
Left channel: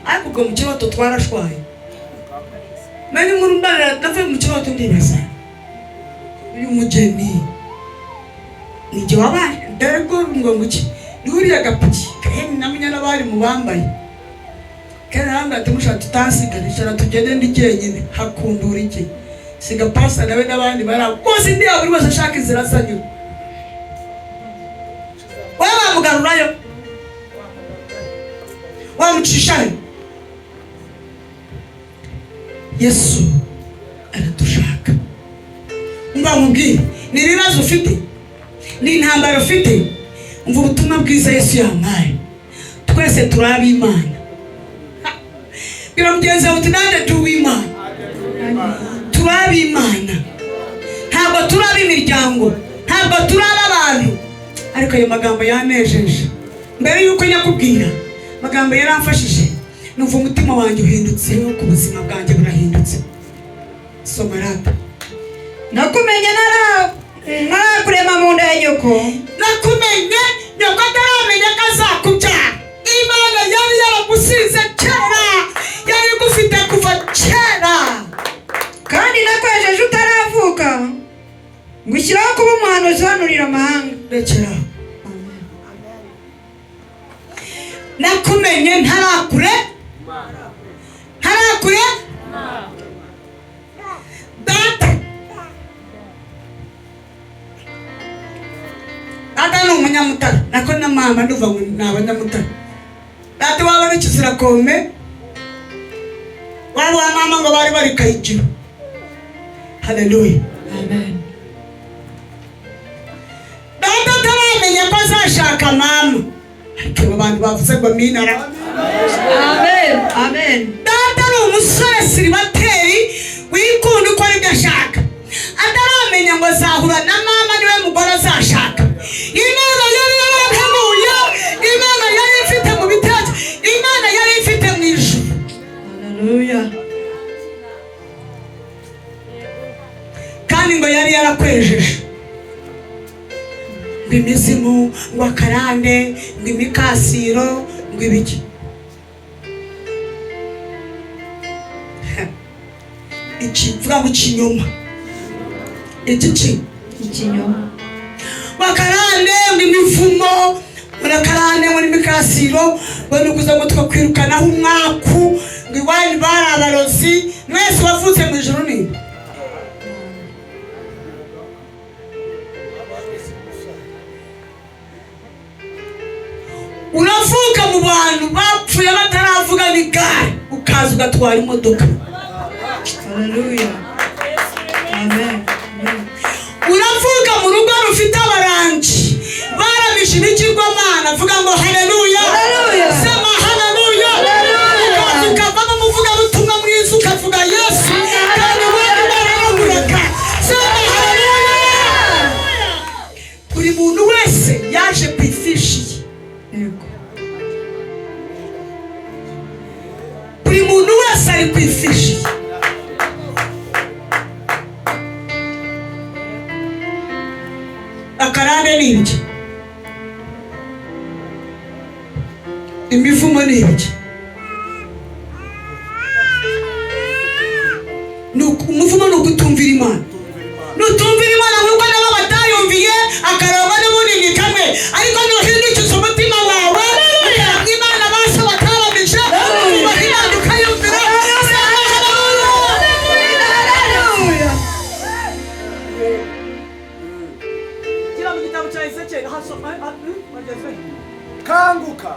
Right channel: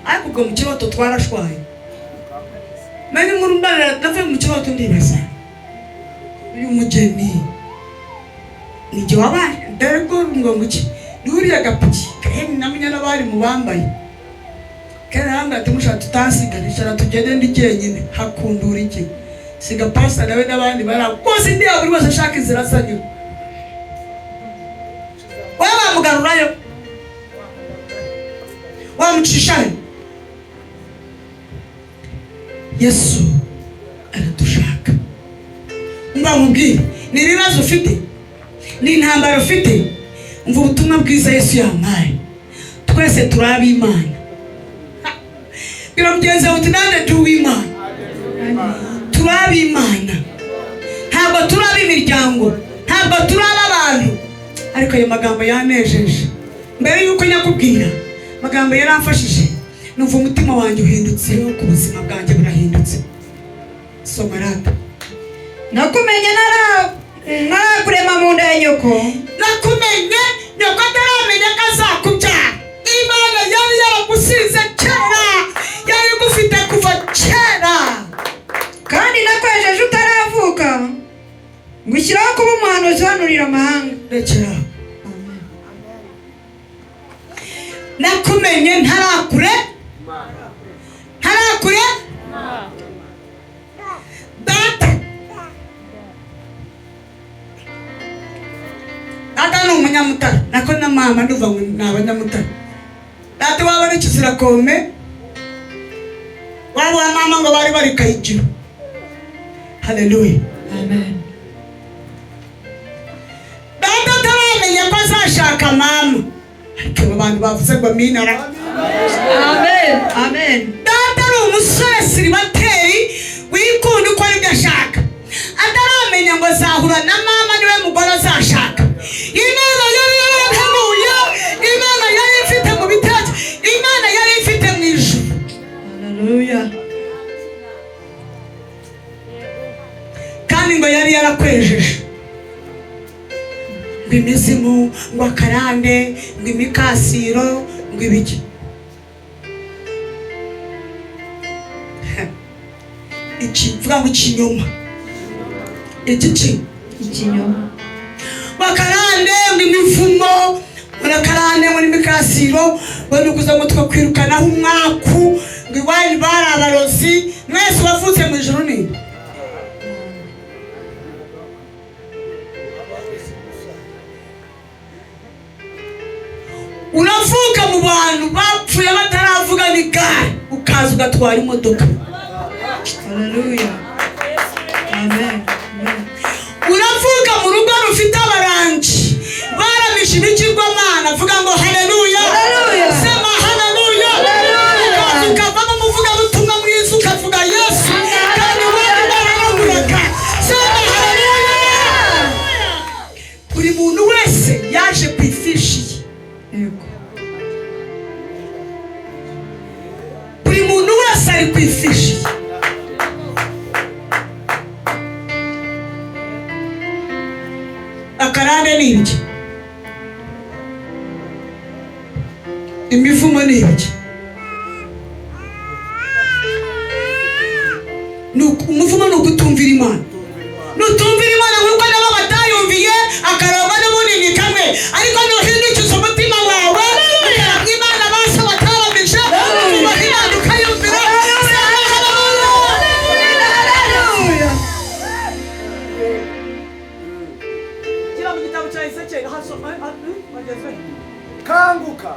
Ariko ubwo mu kibazo twarashwaye. Nani nkuru mbara navuye mu kibazo ndibaza. Uyu mugeni nijye wabana darego ngo muki nuriya gapiki kandi namenya n'abari mu bambaye kana hanga tumusha tutasigarisha tugende ndigenyine hakundura iki siga pastor nawe n'abandi barakoze ndi aburi wese ashaka inzira sanyo waba mugarurayo wamucishane Yesu aradushaka. Mbamubwire ni ibibazo ufite ni intambara ufite umva ubutumwa bwiza Yesu yampaye. Twese turabi Imana. Birabyenza uti nande tuw'Imana. Turabi Imana. Ntabwo turabi imiryango, ntabwo turabi abantu. Ariko ayo magambo yanejeje. Mbere yuko nyakubwira magambo yaramfashije. Numva umutima wanjye uhindutse ku buzima bwanjye burahindutse. Soma rapa. Nakumenye narakurema mu nda ya nyoko. Nakumenye nyoko ataramenya ko azakubyara. Imana yari yaragusize kera, yari gufite kuva kera. Kandi nakwejeje utaravuka ngushyiraho kuba umuhanuzi uhanurira amahanga. Rekera. Nakumenye ntarakure Data ni umunyamutara nako na mama nduva ngo n'abanyamutara. Data wabona ikizira kome waba mama ngo bari kayijiro. Haleluya. Amen. Data taramenye ko azashaka mama. Ariko abantu bavuze ngo minara. Amen. Amen. Data ni umusore siribateri wikunda uko ari gashaka. Ataramenya ngo azahura na mama niwe mugore azashaka. Imana yari yarahanuye, Imana yari ifite mu bitatu, Imana yari ifite mu ijuru. Haleluya. Kandi ngo yari yarakwejeje. Ngo imizimu, ngo akarande, ngo imikasiro, ngo ibiki. Vuga ngo ikinyoma. Ikinyoma. Bakarande ngo imivumo, barakarande ngo imikasiro, bari kuza ngo twakwirukanaho umwaku, ngo iwanyu bari abarozi, mwese wavuze mu ijuru ni. Uravuka mu bantu bapfuye bataravuga ni gare, ukaza ugatwara imodoka. Haleluya. Amen. Uravuka mu rugo rufite abarangi barabishe ibigirwamana, vuga ngo haleluya. Haleluya. Sema haleluya. Haleluya. Ukavamo umuvuga butumwa mwiza ukavuga Yesu kandi wari bararumureka. Sema haleluya. ari ku ifishi. Akarande ni iki? Imivumo ni iki? Umuvumo ni ukutumvira Imana. Nutumvira Imana nk'uko nabo batayumviye, akarangwa n'ubunini kamwe, ariko nuhindukiza umutima wawe ukaranga Imana bose bakaramisha ubahinda ukayumvira. Gira mu gitabo cya Ezekiel bageze. Kanguka,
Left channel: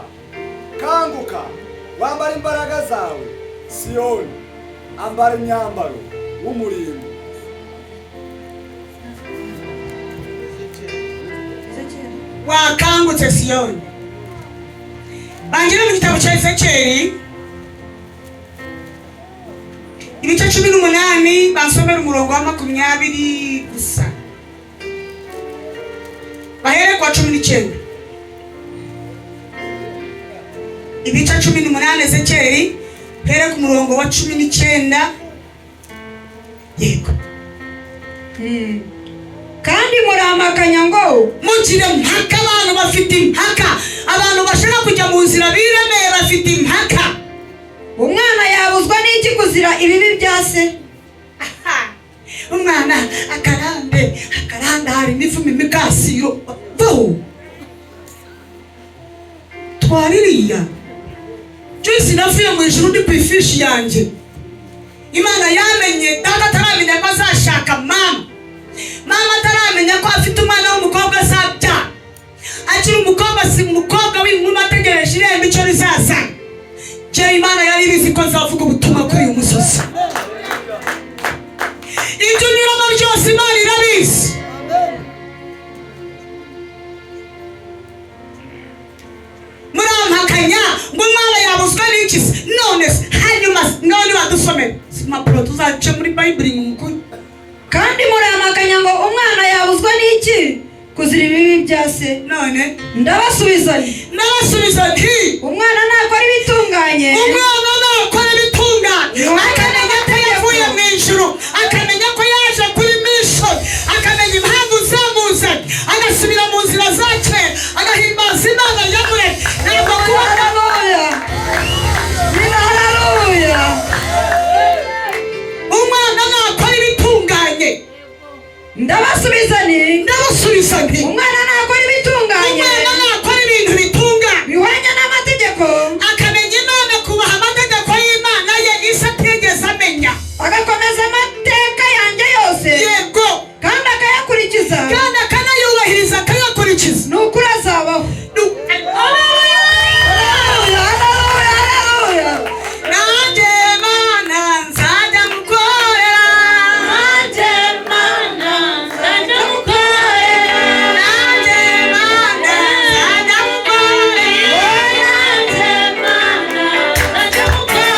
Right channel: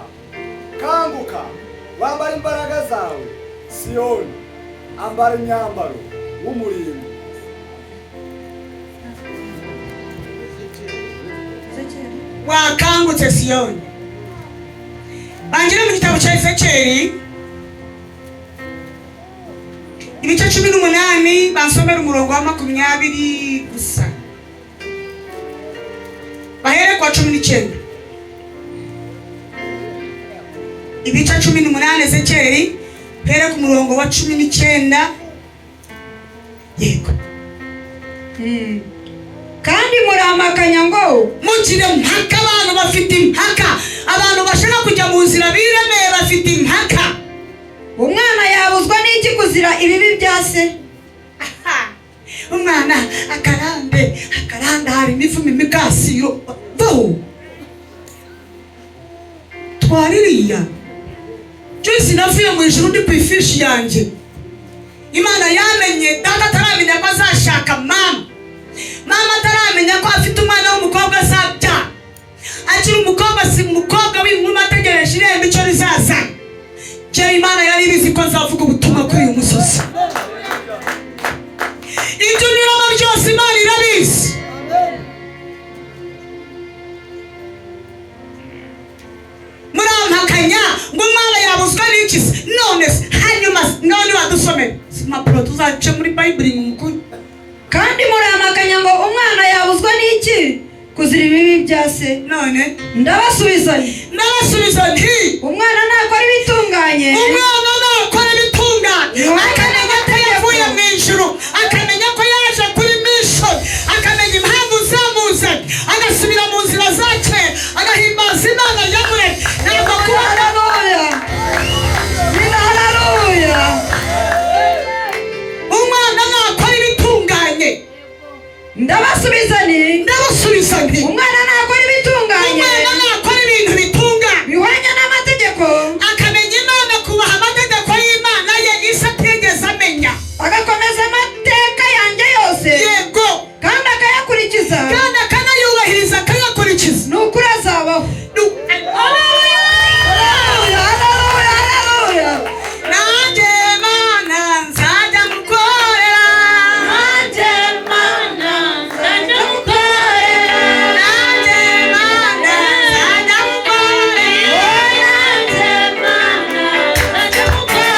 kanguka, wambara imbaraga zawe, Siyoni, ambara imyambaro w'umurimbo. Wakangutse Siyoni. Bangira mu gitabo cya Ezekiel ibice 18 bansomera umurongo wa 20 gusa. Bahere kwa 19. Ibice 18 Ezekiel here ku murongo wa 19. Yego. kandi muramakanya ngo mugire mpaka, abantu bafite impaka, abantu bashaka kujya mu nzira biremeye bafite impaka. umwana yabuzwa n'iki kuzira ibibi bya se? Umwana akaranda hari n'ivumi imikasiro bo twaririya Joyce navuye mu ijuru ndi ku ifishi yanjye. Imana yamenye data ataramenya ko azashaka mama ataramenya ko afite umwana w'umukobwa azabya, akiri umukobwa si umukobwa w'inkumi ategereje irembo icyo rizaza. Imana yari ibizi ko azavuga ubutumwa kuri uyu musozi. Ibyo nyuramo byose Imana irabizi. Murampakanya ngo umwana yabuzwa n'iki? None wadusomera impapuro tuzace muri Bayibuli mu mukuru. kandi muramakanya ngo umwana yabuzwa n'iki kuzira ibibi bya se? None ndabasubiza nti umwana nakora ibitunganye, umwana nakora ibitunganye, akamenya ko yavuye mu ijuru, akamenya ko yaje kuri mission, akamenya impamvu zamuzanye, agasubira mu nzira zake, agahimbaza Imana yamwe. Umwana nakora ibitunganye. Ndabasubiza nti umwana nakora ibitunganye, umwana nakora ibintu bitunganye bihwanye n'amategeko, akamenya Imana, kubaha amategeko y'Imana ye isi atigeze amenya, agakomeza amateka yanjye yose, yego, kandi akayakurikiza, kandi akanayubahiriza akayakurikiza, ni ukuri azabaho. nanjye Mana nzajya mukorera, nanjye Mana nzajya mukorera, nanjye Mana nzajya mukorera, nanjye Mana nzajya mukorera,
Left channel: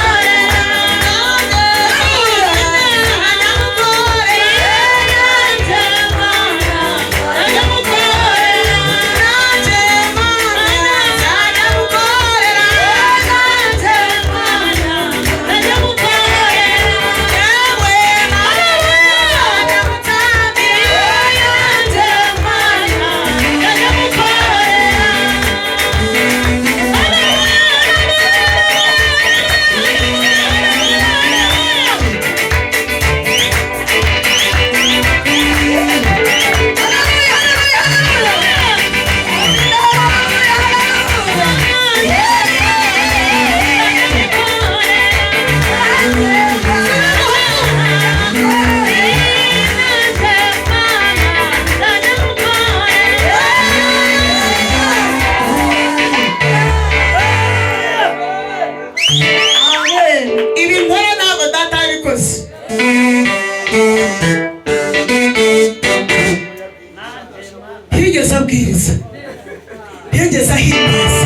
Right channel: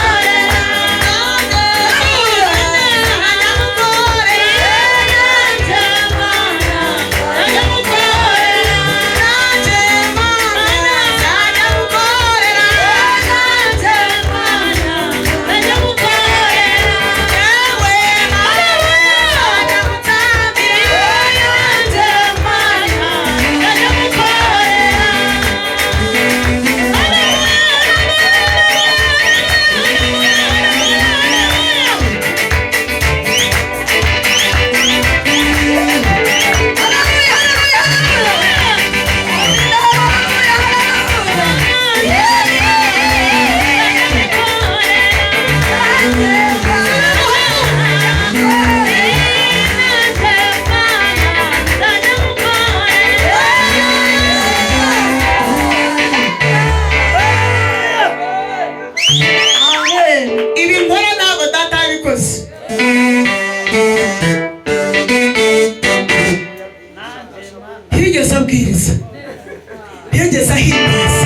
ibi nkora ntabwo data yabikoze. Ntiyigeze abwiriza, ntiyigeze ahimbaza,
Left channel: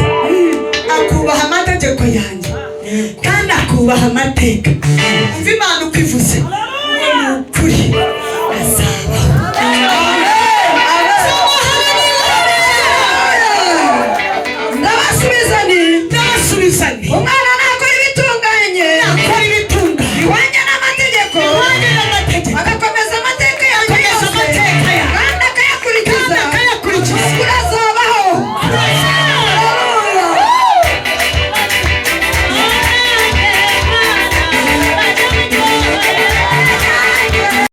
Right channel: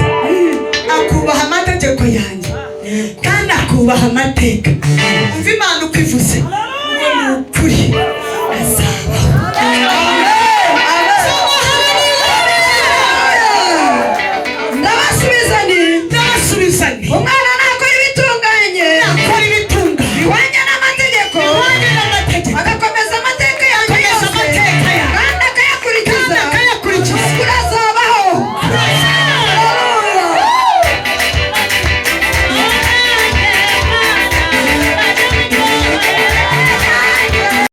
akubaha amategeko yanjye kandi akubaha amateka. Umva Imana uko ivuze ngo ni ukuri azabaho. Ndabasubiza nti Ndabasubiza nti umwana nakora ibitunganye, nakora ibitunganye, ko ihwanire n'amategeko